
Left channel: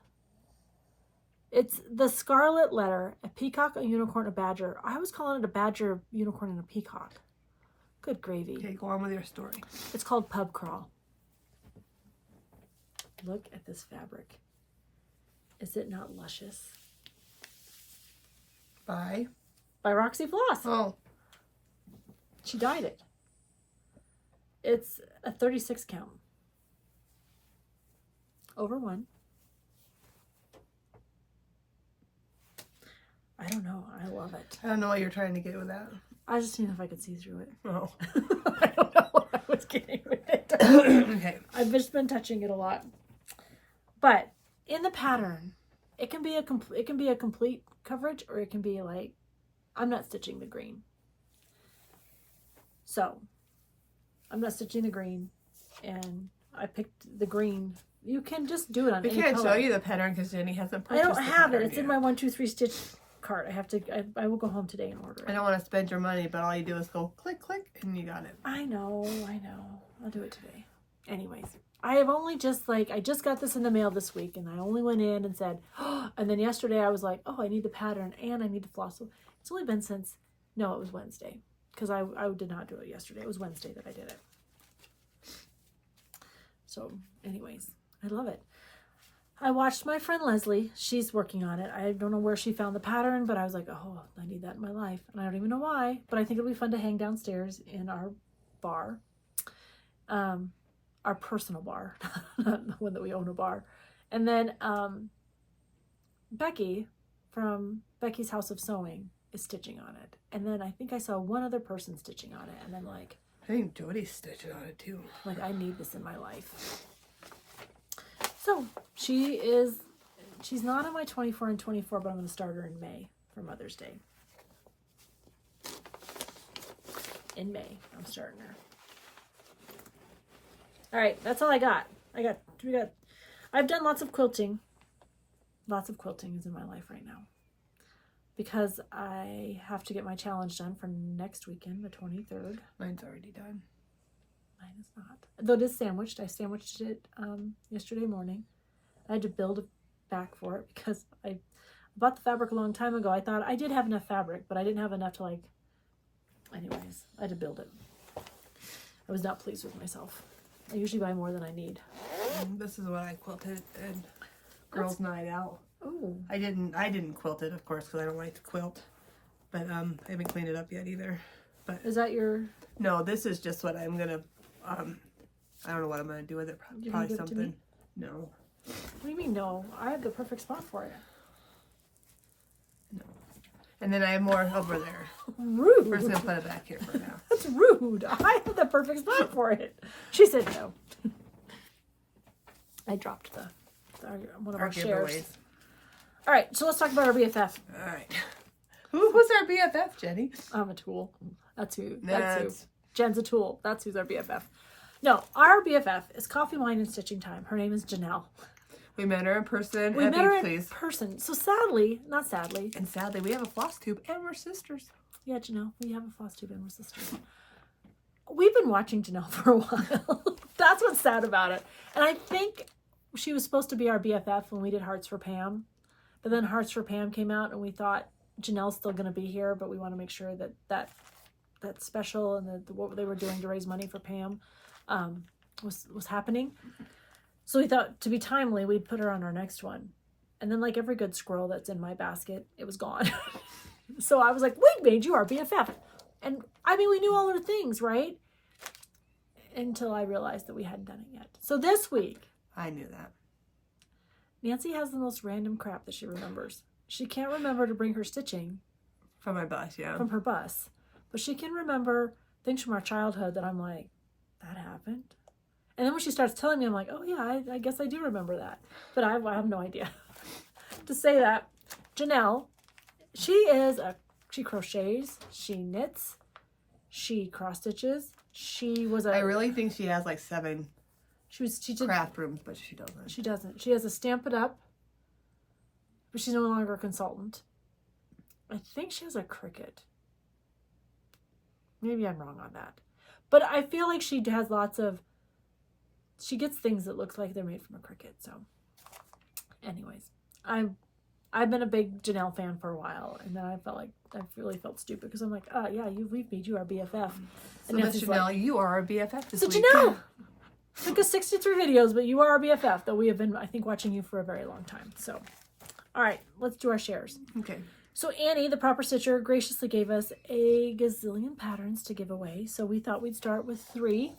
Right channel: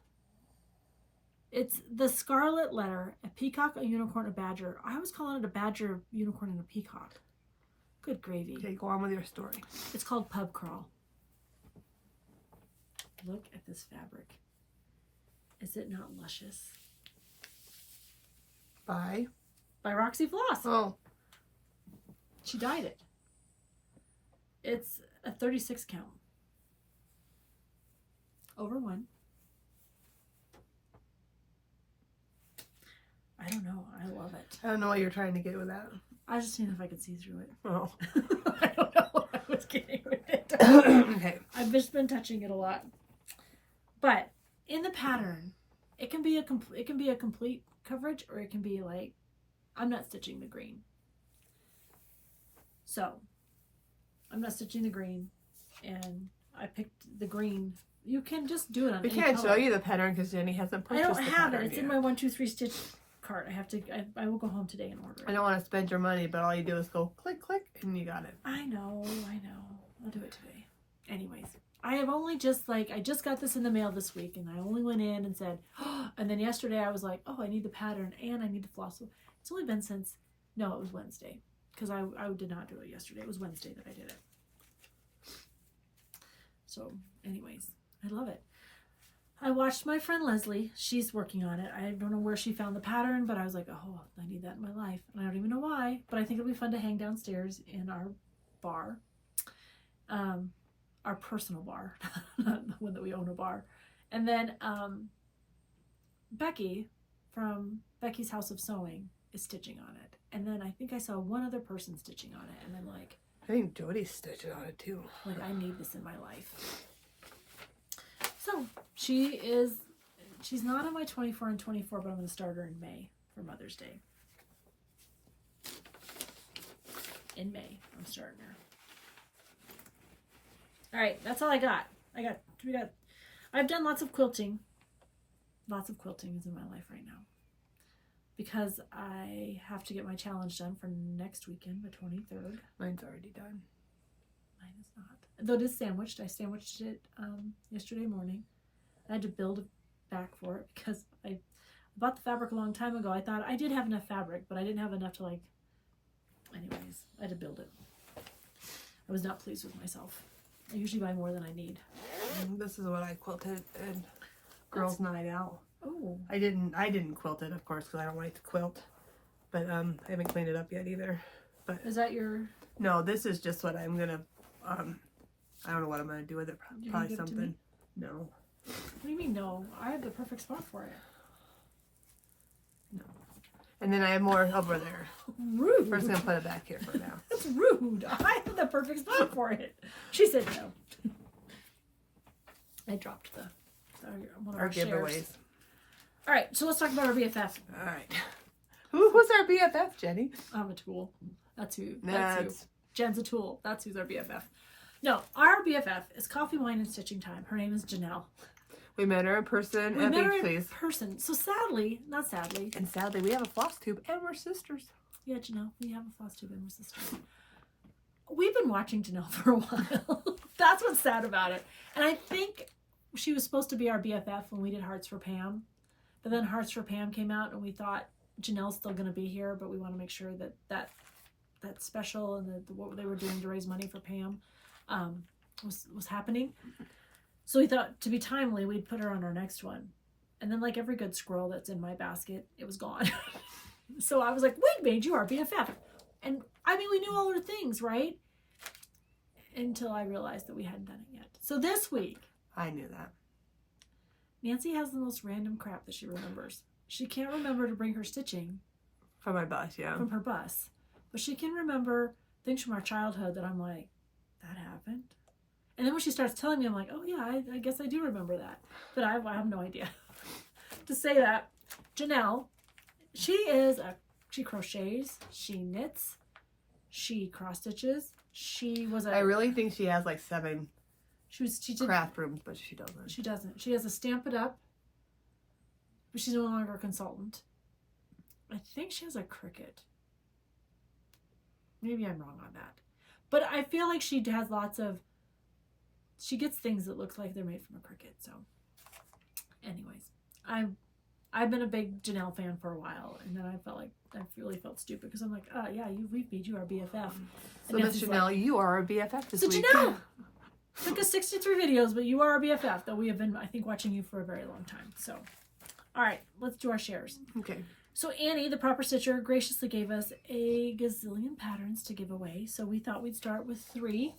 it's the scarlet letter, a peacock, a unicorn, a badger. I was calling it a badger, a unicorn, and a peacock. Good gravy. Okay, go on with your story. It's called Pub Crawl. Look at this fabric. Is it not luscious? By Roxy Floss. Oh. She dyed it. It's a 36 count. Over 1. I don't know. I love it. I don't know what you're trying to get with that. I was just seeing if I could see through it. Oh. I don't know what I was getting with it. Okay. I've just been touching it a lot. But in the pattern, it can be a complete coverage, or it can be like, I'm not stitching the green. So I'm not stitching the green, and I picked the green. You can just do it on We any can't color. show you the pattern because Jenny hasn't I purchased don't the have it. pattern It's yet. in my 1, 2, 3 stitch cart. I will go home today and order it. I don't want to spend your money, but all you do is go click, click, and you got it. I know. I'll do it today. Anyways, I just got this in the mail this week, and I only went in and said, oh, and then yesterday I was like, oh, I need the pattern and I need the floss. It's only been since, no, it was Wednesday, because I did not do it yesterday. It was Wednesday that I did it. So anyways, I love it. I watched my friend Leslie. She's working on it. I don't know where she found the pattern, but I was like, oh, I need that in my life. And I don't even know why, but I think it'll be fun to hang downstairs in our bar. Our personal bar, not the one that we own a bar. And then Becky from Becky's House of Sewing is stitching on it. And then I think I saw one other person stitching on it. And I'm like, I think Jody's stitching on it too. like, I need this in my life. So she's not on my 24 and 24, but I'm going to start her in May for Mother's Day. In May, I'm starting her. All right, that's all I got. I've done lots of quilting. Lots of quilting is in my life right now, because I have to get my challenge done for next weekend, the 23rd. Mine's already done. Mine is not. Though it is sandwiched. I sandwiched it yesterday morning. I had to build a back for it because I bought the fabric a long time ago. I thought I did have enough fabric, but I didn't have enough to anyways, I had to build it. I was not pleased with myself. I usually buy more than I need. And this is what I quilted at girls' night out. Oh. I didn't quilt it, of course, because I don't like to quilt. But I haven't cleaned it up yet either. But Is that your... no, this is just what I'm gonna I don't know what I'm gonna do with it. You Probably gonna give it to me? something. No. What do you mean, no? I have the perfect spot for it. No. And then I have more over there. Rude. We're just gonna put it back here for now. That's rude. I have the perfect spot for it. She said no. I dropped one of our shares. giveaways. All right, so let's talk about our BFF. All right. Who's our BFF, Jenny? I'm a tool. That's who. That's Jen's a tool. That's who's our BFF. No, our BFF is Coffee, Wine, and Stitching Time. Her name is Janel. We met her in person We at met her Beach in Please. person. So sadly, not sadly. And sadly, we have a floss tube and we're sisters. Yeah, Janelle, we have a FlossTube and we're sisters. We've been watching Janelle for a while. That's what's sad about it. And I think she was supposed to be our BFF when we did Hearts for Pam. But then Hearts for Pam came out and we thought Janelle's still going to be here, but we want to make sure that special and what they were doing to raise money for Pam was happening. So we thought, to be timely, we'd put her on our next one. And then, like every good squirrel that's in my basket, it was gone. So I was like, we made you our BFF. And I mean, we knew all her things, right? Until I realized that we hadn't done it yet. So this week, I knew that. Nancy has the most random crap that she remembers. She can't remember to bring her stitching From my bus, yeah. from her bus. But she can remember things from our childhood that I'm like, that happened. And then when she starts telling me, I'm like, oh yeah, I guess I do remember that. But I have no idea. To say that, Janelle, she crochets, she knits, she cross stitches. I really think she has like 7 she did craft rooms, but she doesn't. She doesn't. She has a Stamp It Up, but she's no longer a consultant. I think she has a Cricut. Maybe I'm wrong on that. But I feel like she has she gets things that look like they're made from a Cricut. So anyways, I've been a big Janelle fan for a while, and then I really felt stupid because I'm like, oh yeah, we've made you our BFF. So Miss Janelle, like, you are our BFF this week. Janelle, took us 63 videos, but you are our BFF, though we have been, I think, watching you for a very long time. So, all right, let's do our shares. Okay. So Annie, the proper stitcher, graciously gave us a gazillion patterns to give away. So we thought we'd start with 3.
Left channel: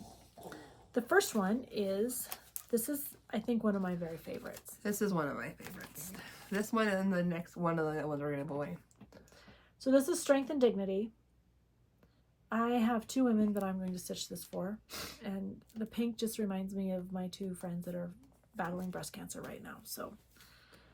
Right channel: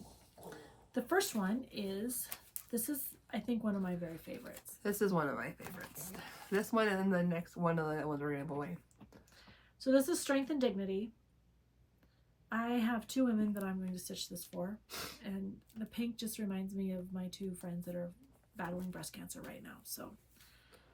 The first one is, this is, I think, one of my very favorites. This is one of my favorites. This one and the next one of the ones we're going to give away. So this is Strength and Dignity. I have 2 women that I'm going to stitch this for. And the pink just reminds me of my 2 friends that are battling breast cancer right now. So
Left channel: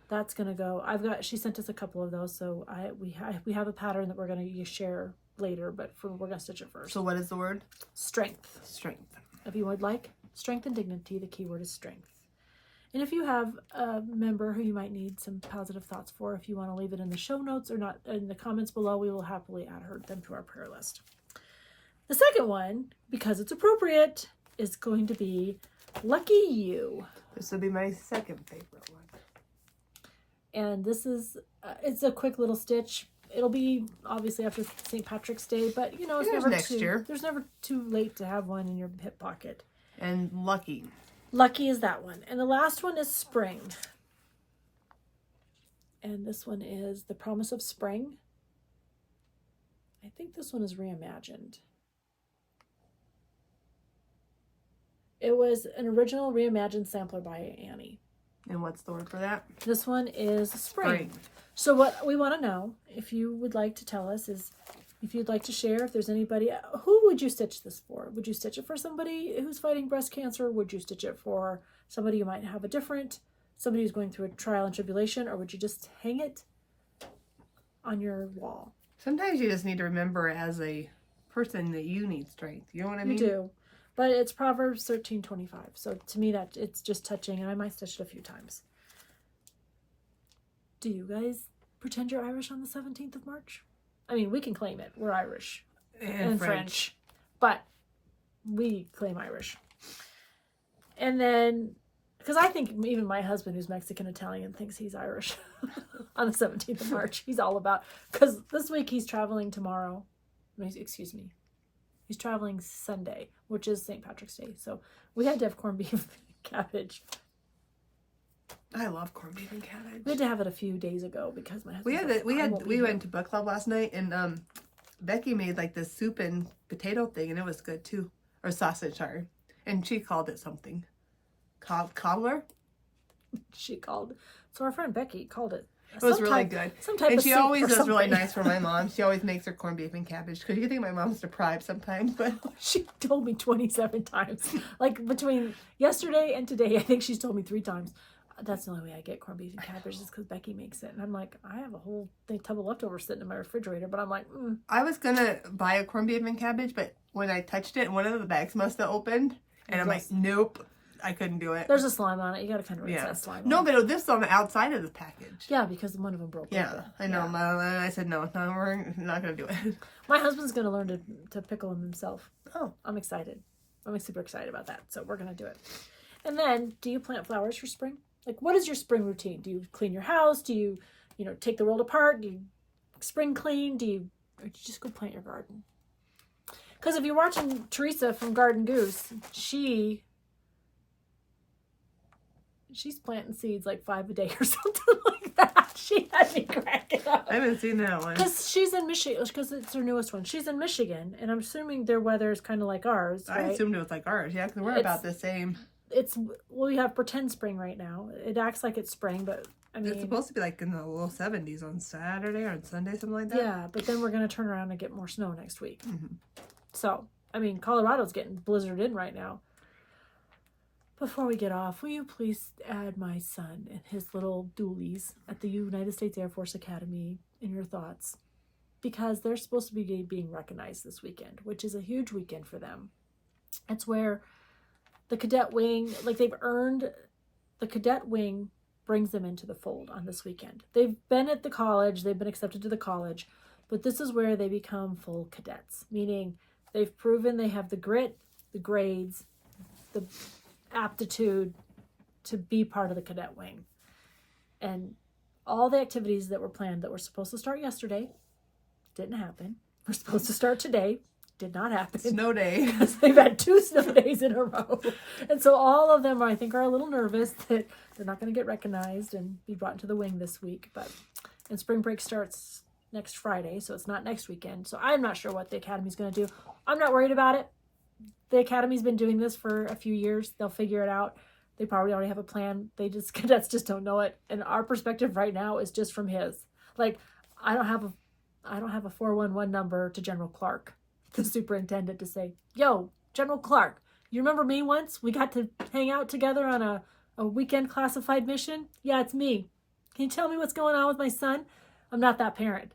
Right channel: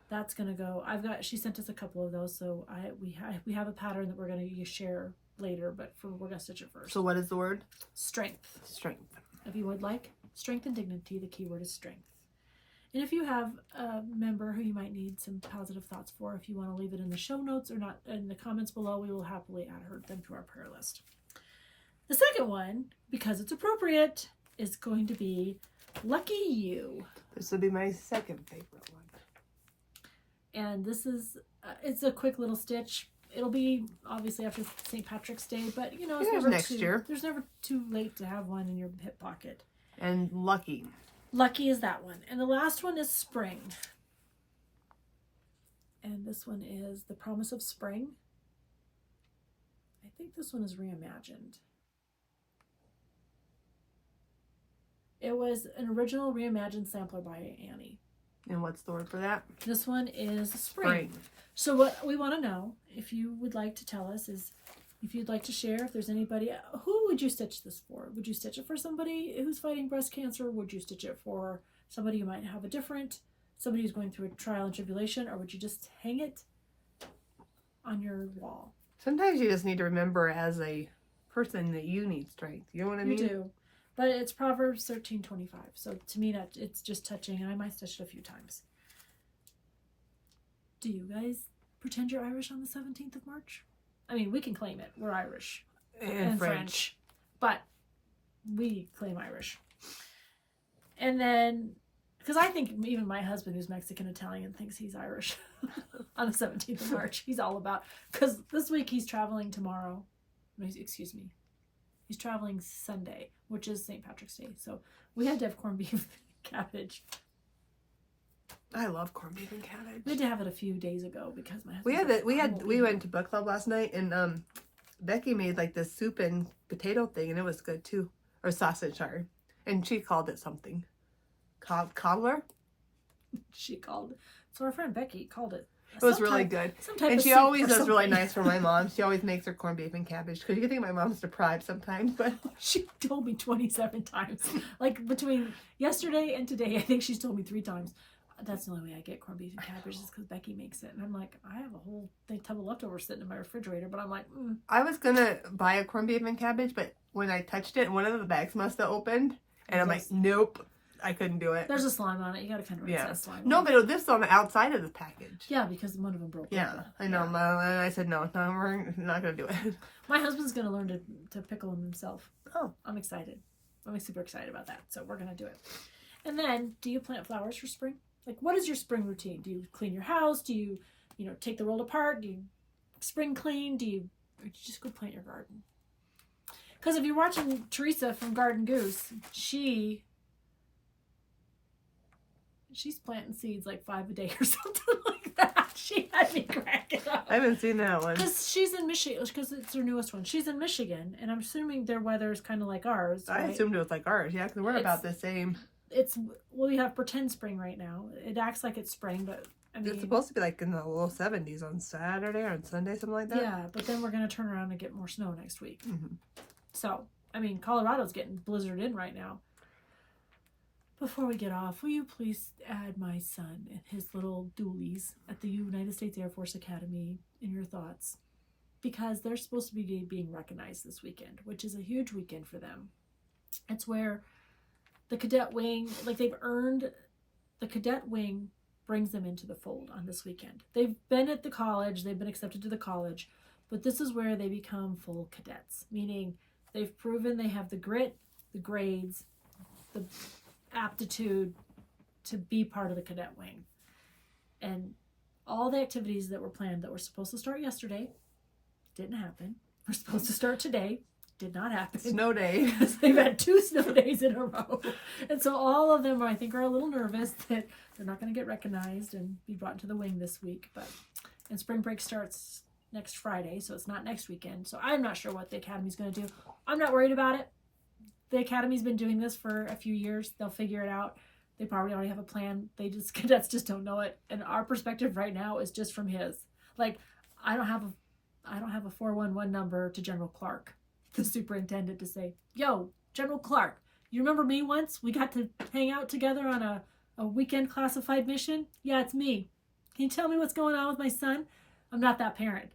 that's going to go. She sent us a couple of those. So we have a pattern that we're going to share later, but we're going to stitch it first. So what is the word? Strength. Strength. If you would like Strength and Dignity, the keyword is strength. And if you have a member who you might need some positive thoughts for, if you want to leave it in the show notes or not in the comments below, we will happily add them to our prayer list. The second one, because it's appropriate, is going to be Lucky You. This will be my second favorite one. And this is, it's a quick little stitch. It'll be obviously after St. Patrick's Day, but you know, there's never too late to have one in your hip pocket. And Lucky. Lucky is that one. And the last one is Spring. And this one is The Promise of Spring. I think this one is reimagined. It was an original reimagined sampler by Annie. And what's the word for that? This one is Spring. So what we want to know, if you would like to tell us, is if you'd like to share, if there's anybody, who would you stitch this for? Would you stitch it for somebody who's fighting breast cancer? Would you stitch it for somebody who might have somebody who's going through a trial and tribulation? Or would you just hang it on your wall? Sometimes you just need to remember as a person that you need strength. You know what I mean? You do. But it's Proverbs 13:25. So to me, that it's just touching, and I might stitch it a few times. Do you guys pretend you're Irish on the 17th of March? I mean, we can claim it. We're Irish. And French. But we claim Irish. And then, because I think even my husband, who's Mexican-Italian, thinks he's Irish on the 17th of March. He's all about, because this week he's traveling tomorrow. Excuse me. He's traveling Sunday, which is St. Patrick's Day. So we had to have corned beef and cabbage. I love corned beef and cabbage. We had to have it a few days ago because my husband. We went to book club last night, and Becky made like this soup and potato thing, and it was good too, or sausage, sorry. And she called it something, cobbler. So our friend Becky called it. It was really good. And she always does really nice for my mom. She always makes her corned beef and cabbage, because you can think my mom's deprived sometimes, but she told me 27 times. Like between yesterday and today, I think she's told me 3 times. That's the only way I get corned beef and cabbage is because Becky makes it. And I'm like, I have a whole tub of leftovers sitting in my refrigerator, but I'm like, I was going to buy a corned beef and cabbage, but when I touched it, one of the bags must have opened. And I'm like, nope, I couldn't do it. There's a slime on it. You got to kind of rinse that slime No, but this is on the outside of the package. Yeah, because one of them broke. Yeah, over. I know. Yeah. I said, no, we're not going to do it. My husband's going to learn to pickle them himself. Oh. I'm excited. I'm super excited about that. So we're going to do it. And then, do you plant flowers for spring? Like, what is your spring routine? Do you clean your house? Do you, take the world apart? Do you spring clean? Or do you just go plant your garden? Because if you're watching Teresa from Garden Goose, she's planting seeds like 5 a day or something like that. She had me cracking up. I haven't seen that one. Because she's in Michigan, because it's her newest one. She's in Michigan, and I'm assuming their weather is kind of like ours, right? I assumed it was like ours, yeah, because we're about the same. We have pretend spring right now. It acts like it's spring, but I mean, it's supposed to be like in the low 70s on Saturday or on Sunday, something like that. Yeah, but then we're going to turn around and get more snow next week. Mm-hmm. So I mean, Colorado's getting blizzarded in right now. Before we get off, will you please add my son and his little dualies at the United States Air Force Academy in your thoughts? Because they're supposed to be being recognized this weekend, which is a huge weekend for them. It's where the cadet wing, like they've earned, the cadet wing brings them into the fold on this weekend. They've been at the college, they've been accepted to the college, but this is where they become full cadets, meaning they've proven they have the grit, the grades, the aptitude to be part of the cadet wing. And all the activities that were planned that were supposed to start yesterday didn't happen. We're supposed to start today. Did not happen. Snow day. Because they've had 2 snow days in a row. And so all of them, I think, are a little nervous that they're not going to get recognized and be brought into the wing this week. And spring break starts next Friday, so it's not next weekend. So I'm not sure what the Academy's going to do. I'm not worried about it. The Academy's been doing this for a few years. They'll figure it out. They probably already have a plan. Cadets just don't know it. And our perspective right now is just from his. Like, I don't have a 411 number to General Clark, the superintendent, to say, yo, General Clark, you remember me once? We got to hang out together on a weekend classified mission? Yeah, it's me. Can you tell me what's going on with my son? I'm not that parent.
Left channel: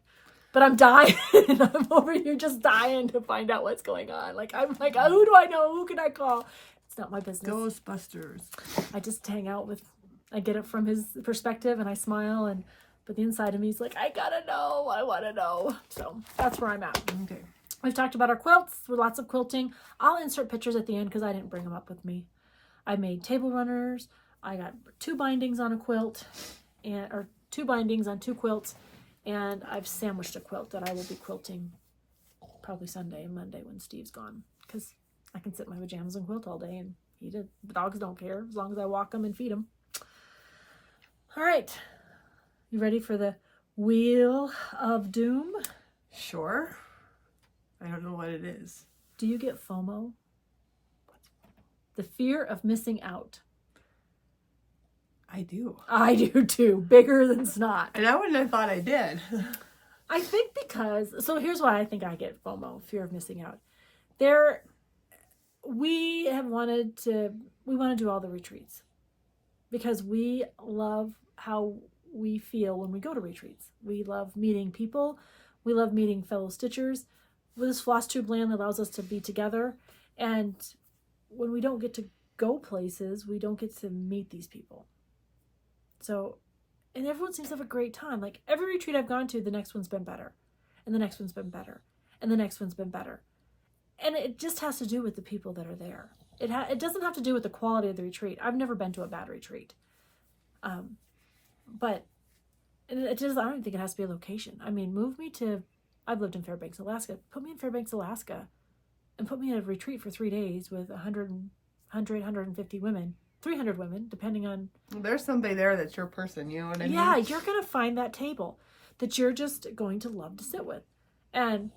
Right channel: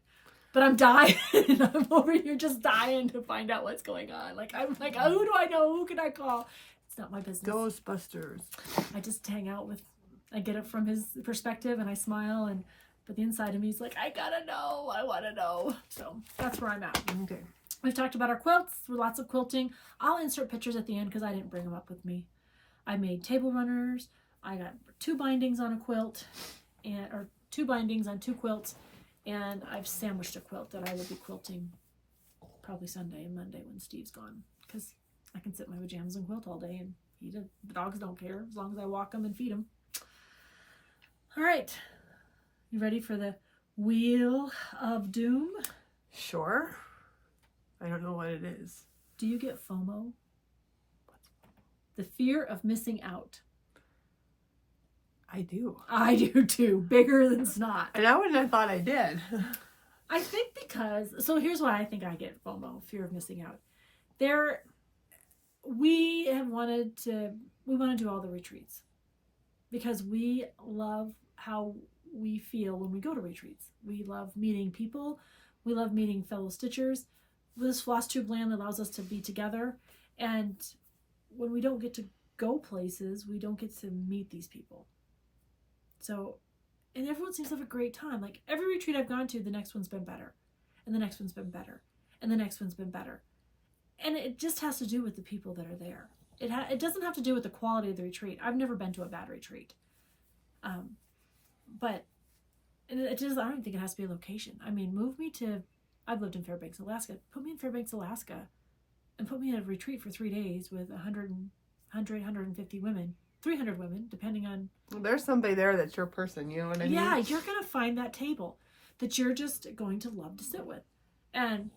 But I'm dying. I'm over here just dying to find out what's going on. Like, I'm like, oh, who do I know? Who can I call? It's not my business. Ghostbusters. I just hang out with, I get it from his perspective and I smile. But the inside of me is like, I gotta know. I want to know. So that's where I'm at. Okay. We've talked about our quilts. We're lots of quilting. I'll insert pictures at the end because I didn't bring them up with me. I made table runners. I got 2 bindings on a quilt, or 2 bindings on 2 quilts. And I've sandwiched a quilt that I will be quilting probably Sunday and Monday when Steve's gone. Because I can sit in my pajamas and quilt all day and the dogs don't care as long as I walk them and feed them. All right. You ready for the Wheel of Doom? Sure. I don't know what it is. Do you get FOMO? The fear of missing out. I do. I do too. Bigger than snot. And I wouldn't have thought I did. I think so here's why I think I get FOMO, fear of missing out. We want to do all the retreats because we love how we feel when we go to retreats. We love meeting people. We love meeting fellow stitchers. This FlossTube land allows us to be together. And when we don't get to go places, we don't get to meet these people. So, and everyone seems to have a great time. Like every retreat I've gone to, the next one's been better. And the next one's been better. And the next one's been better. And it just has to do with the people that are there. It doesn't have to do with the quality of the retreat. I've never been to a bad retreat. But it just, I don't think it has to be a location. I mean, I've lived in Fairbanks, Alaska. Put me in Fairbanks, Alaska and put me in a retreat for 3 days with 150 women. 300 women, depending on... There's somebody there that's your person, you know what I mean? Yeah, you're going to find that table that you're just going to love to sit with. And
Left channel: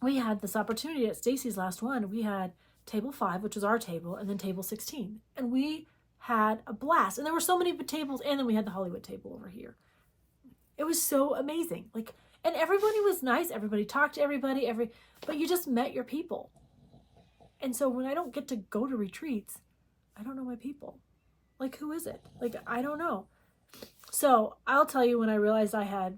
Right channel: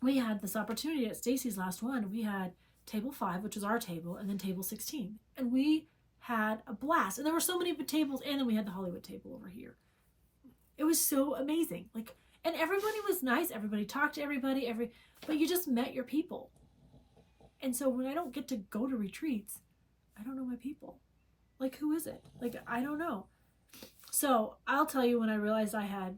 we had this opportunity at Stacy's last one. We had table 5, which was our table, and then table 16. And we had a blast. And there were so many tables, and then we had the Hollywood table over here. It was so amazing. And everybody was nice. Everybody talked to everybody, but you just met your people. And so when I don't get to go to retreats, I don't know my people. Who is it? I don't know. So I'll tell you when I realized I had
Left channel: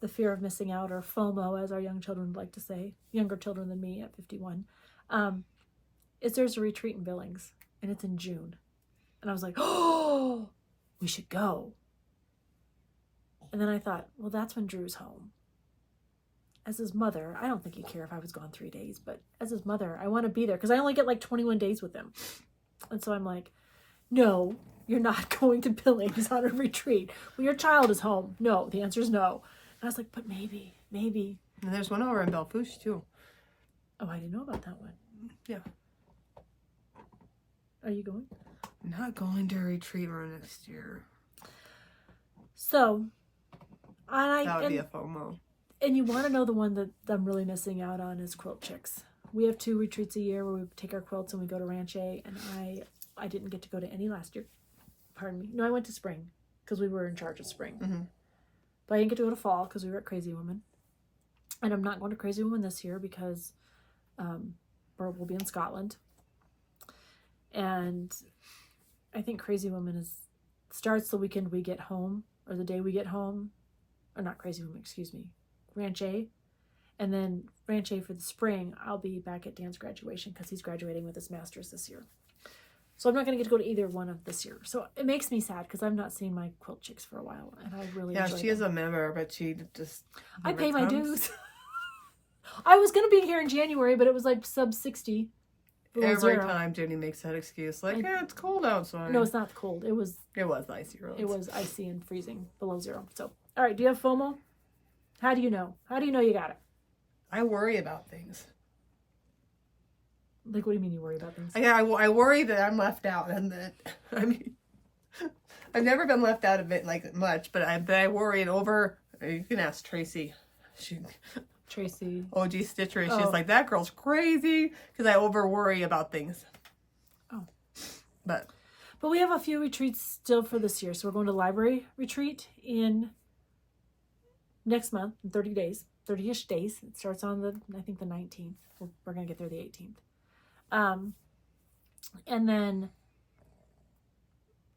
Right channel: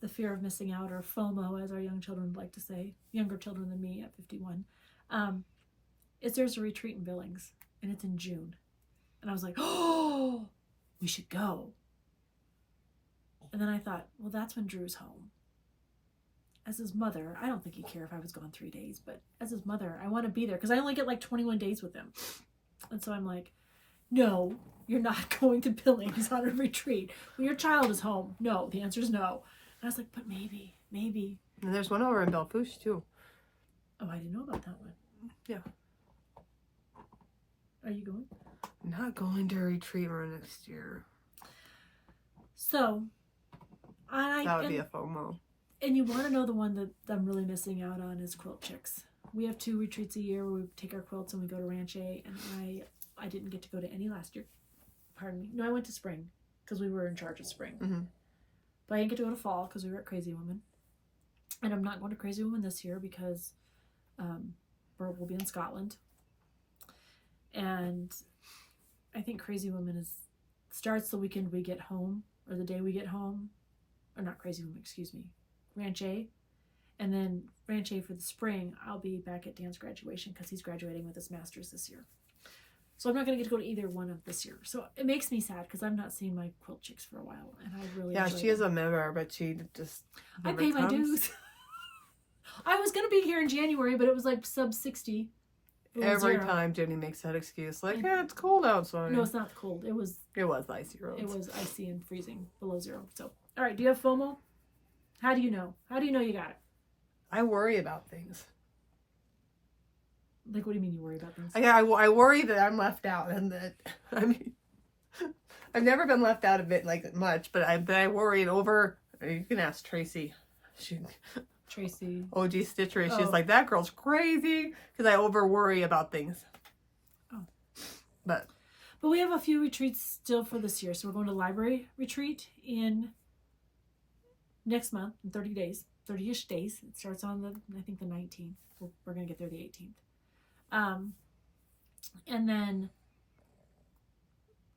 the fear of missing out, or FOMO, as our young children would like to say, younger children than me at 51, is there's a retreat in Billings, and it's in June. And I was like, oh, we should go. And then I thought, well, that's when Drew's home. As his mother, I don't think he'd care if I was gone 3 days, but as his mother, I want to be there because I only get 21 days with him. And so I'm like, no, you're not going to Billings on a retreat when your child is home. No, the answer is no. And I was like, but maybe. And there's one over in Belfouche too. Oh, I didn't know about that one. Yeah. Are you going? Not going to a retreat next year. So, that would be a FOMO. And you want to know the one that I'm really missing out on is Quilt Chicks. We have 2 retreats a year where we take our quilts and we go to Ranch A, and I didn't get to go to any last year. Pardon me. No, I went to spring because we were in charge of spring. Mm-hmm. But I didn't get to go to fall because we were at Crazy Woman. And I'm not going to Crazy Woman this year because where we'll be in Scotland. And I think Crazy Woman starts the weekend we get home, or the day we get home, or not Crazy Woman, excuse me, Ranch A. And then Ranch A for the spring, I'll be back at Dan's graduation because he's graduating with his master's this year. So I'm not going to get to go to either one of this year. So it makes me sad because I've not seen my quilt chicks for a while, and I really enjoy she is a member, but she just I never pay my comes. dues. I was going to be here in January, but it was like sub 60. below Every zero. time Jenny makes that excuse, like, yeah, it's cold outside. No, it's not cold. It was icy roads. It was icy and freezing below zero. So, all right. Do you have FOMO? How do you know? How do you know you got it? I worry about things. Like, what do you mean you worry about things? I worry that I'm left out, and that I've never been left out of it like much, but I worry over. You can ask Tracy. Tracy. Bougie Stitchers. She's Oh. like, that girl's crazy because I over worry about things. Oh. But we have a few retreats still for this year. So we're going to library retreat in next month, in 30 days, 30-ish days. It starts on I think the 19th. We're going to get there the 18th. And then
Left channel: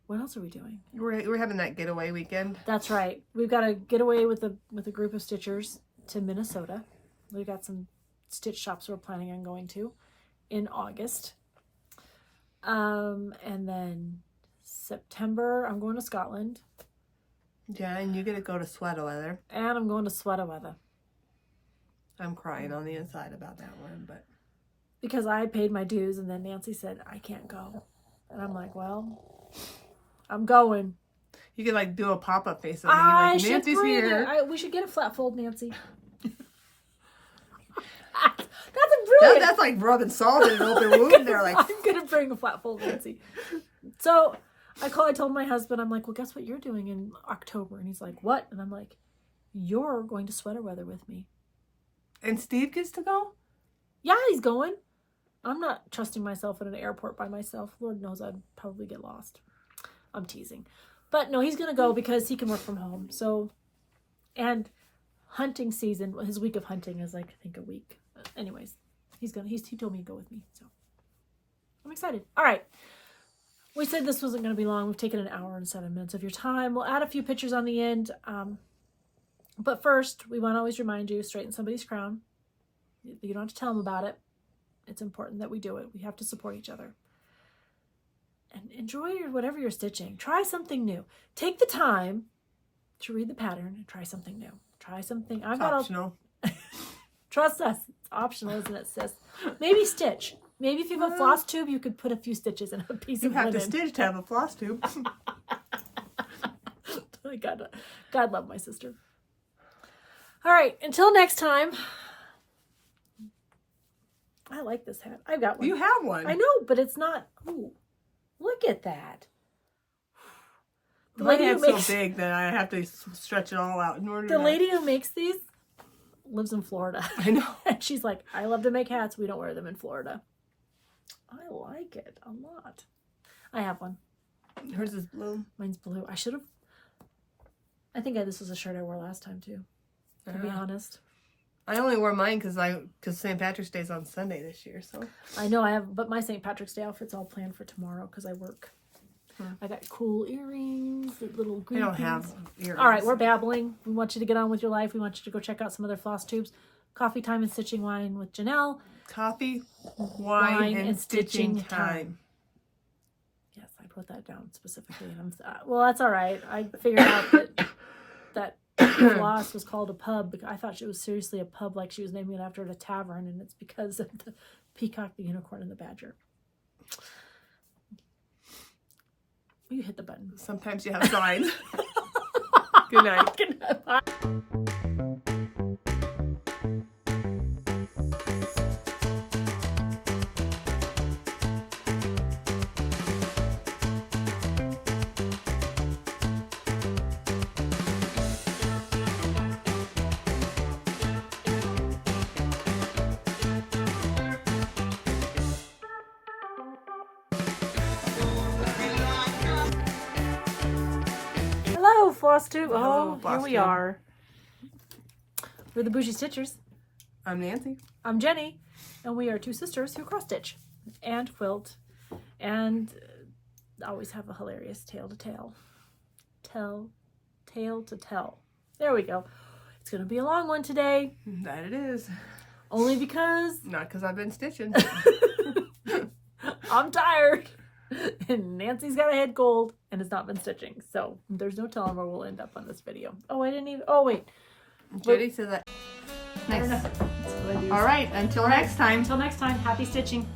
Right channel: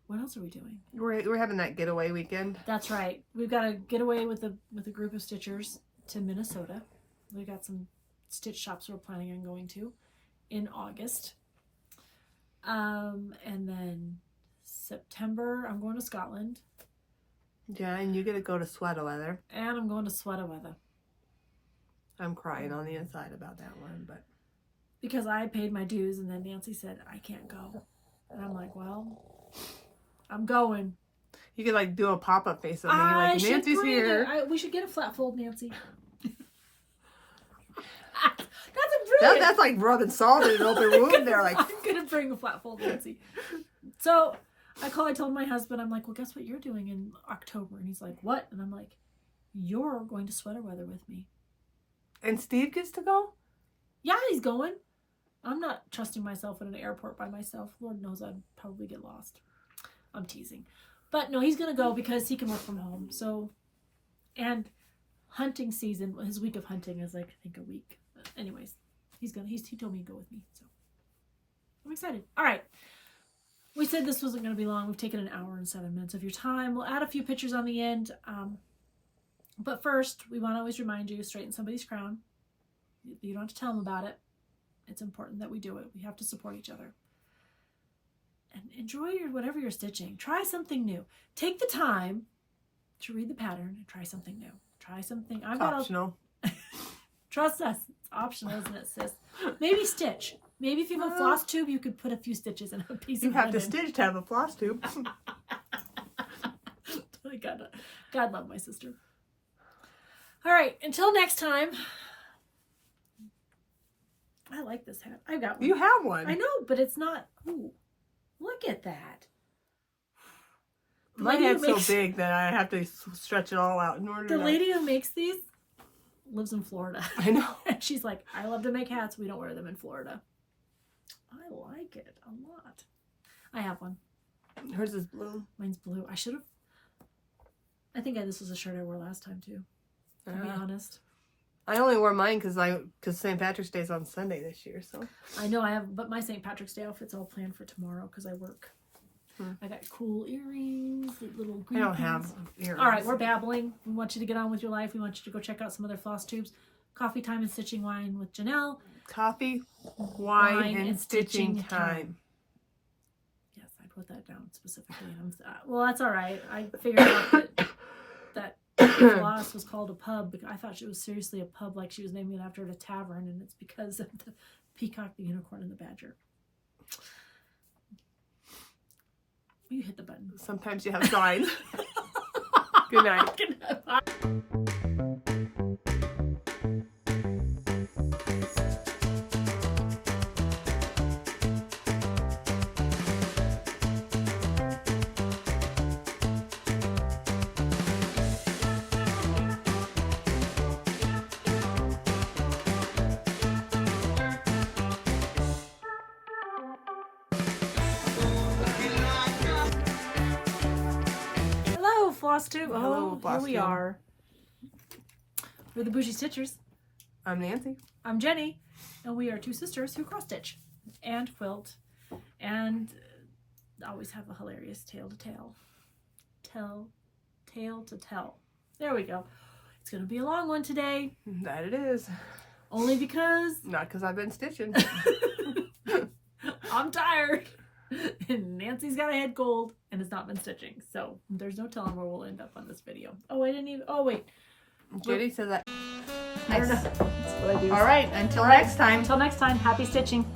what else are we doing? we're having that getaway weekend. That's right. We've got a getaway with a group of stitchers to Minnesota. We've got some stitch shops we're planning on going to in August. And then September, I'm going to Scotland. Yeah, and you get to go to sweater weather. And I'm going to sweater weather. I'm crying on the inside about that one, but Because I paid my dues, and then Nancy said, I can't go. And I'm like, well, I'm going. you could like do a pop-up face on me, like Nancy's here. We should get a flat fold, Nancy. That's a brilliant. That's like rubbing salt in an open wound there. Like, I'm gonna bring a flat fold, Nancy. So I told my husband, I'm like, well, guess what you're doing in October? And he's like, what? And I'm like, you're going to sweater weather with me. and Steve gets to go. Yeah, he's going. I'm not trusting myself at an airport by myself. Lord knows I'd probably get lost. I'm teasing. But no, he's going to go because he can work from home. So, and hunting season, his week of hunting is like, I think, a week. But anyways, he told me to go with me. So I'm excited. All right. We said this wasn't going to be long. We've taken an hour and 7 minutes of your time. We'll add a few pictures on the end. But first, we want to always remind you, straighten somebody's crown. You don't have to tell them about it. It's important that we do it. We have to support each other. And enjoy whatever you're stitching. Try something new. Take the time to read the pattern and try something new. Try something. It's optional. Trust us. It's optional, isn't it, sis? Maybe stitch. Maybe if you have a floss tube, you could put a few stitches in a piece You of have linen. to stitch to have a floss tube. God love my sister. All right. Until next time. I like this hat. I've got one. You have one. I know, but it's not. Ooh, look at that. The My lady who head's makes- so big that I have to stretch it all out in order The to... lady who makes these lives in Florida. I know. And she's like, I love to make hats. We don't wear them in Florida. I like it a lot. I have one. Hers is blue. Mine's blue. I think this was a shirt I wore last time too. To be honest. I only wore mine because St. Patrick's Day is on Sunday this year. So I know I have, but my St. Patrick's Day outfit's all planned for tomorrow because I work. I got cool earrings, little green I don't pins. have earrings. All right, we're babbling. We want you to get on with your life. We want you to go check out some other floss tubes. Coffee Time and Stitching Wine with Janelle. Coffee, wine, and stitching time. Yes, I put that down specifically. Well, that's all right. I figured out that Floss was called a pub. I thought it was seriously a pub, like she was naming it after a tavern, and it's because of the peacock, the unicorn, and the badger. You hit the button. Sometimes you have signs. Good night. Good night. Hello, FlossTube. Hello, Here we FlossTube. are. We're the Bougie Stitchers. I'm Nancy. I'm Jenny, and we are two sisters who cross stitch and quilt and always have a hilarious tale to tell. Tale to tell. There we go. It's going to be a long one today. That it is. Only because... Not because I've been stitching. I'm tired. And Nancy's got a head cold and has not been stitching. So there's no telling where we'll end up on this video. Oh, I didn't even... Oh, wait. Judy says that. I don't Nice. know. That's what I do. All right. Until next time. Until next time, happy stitching.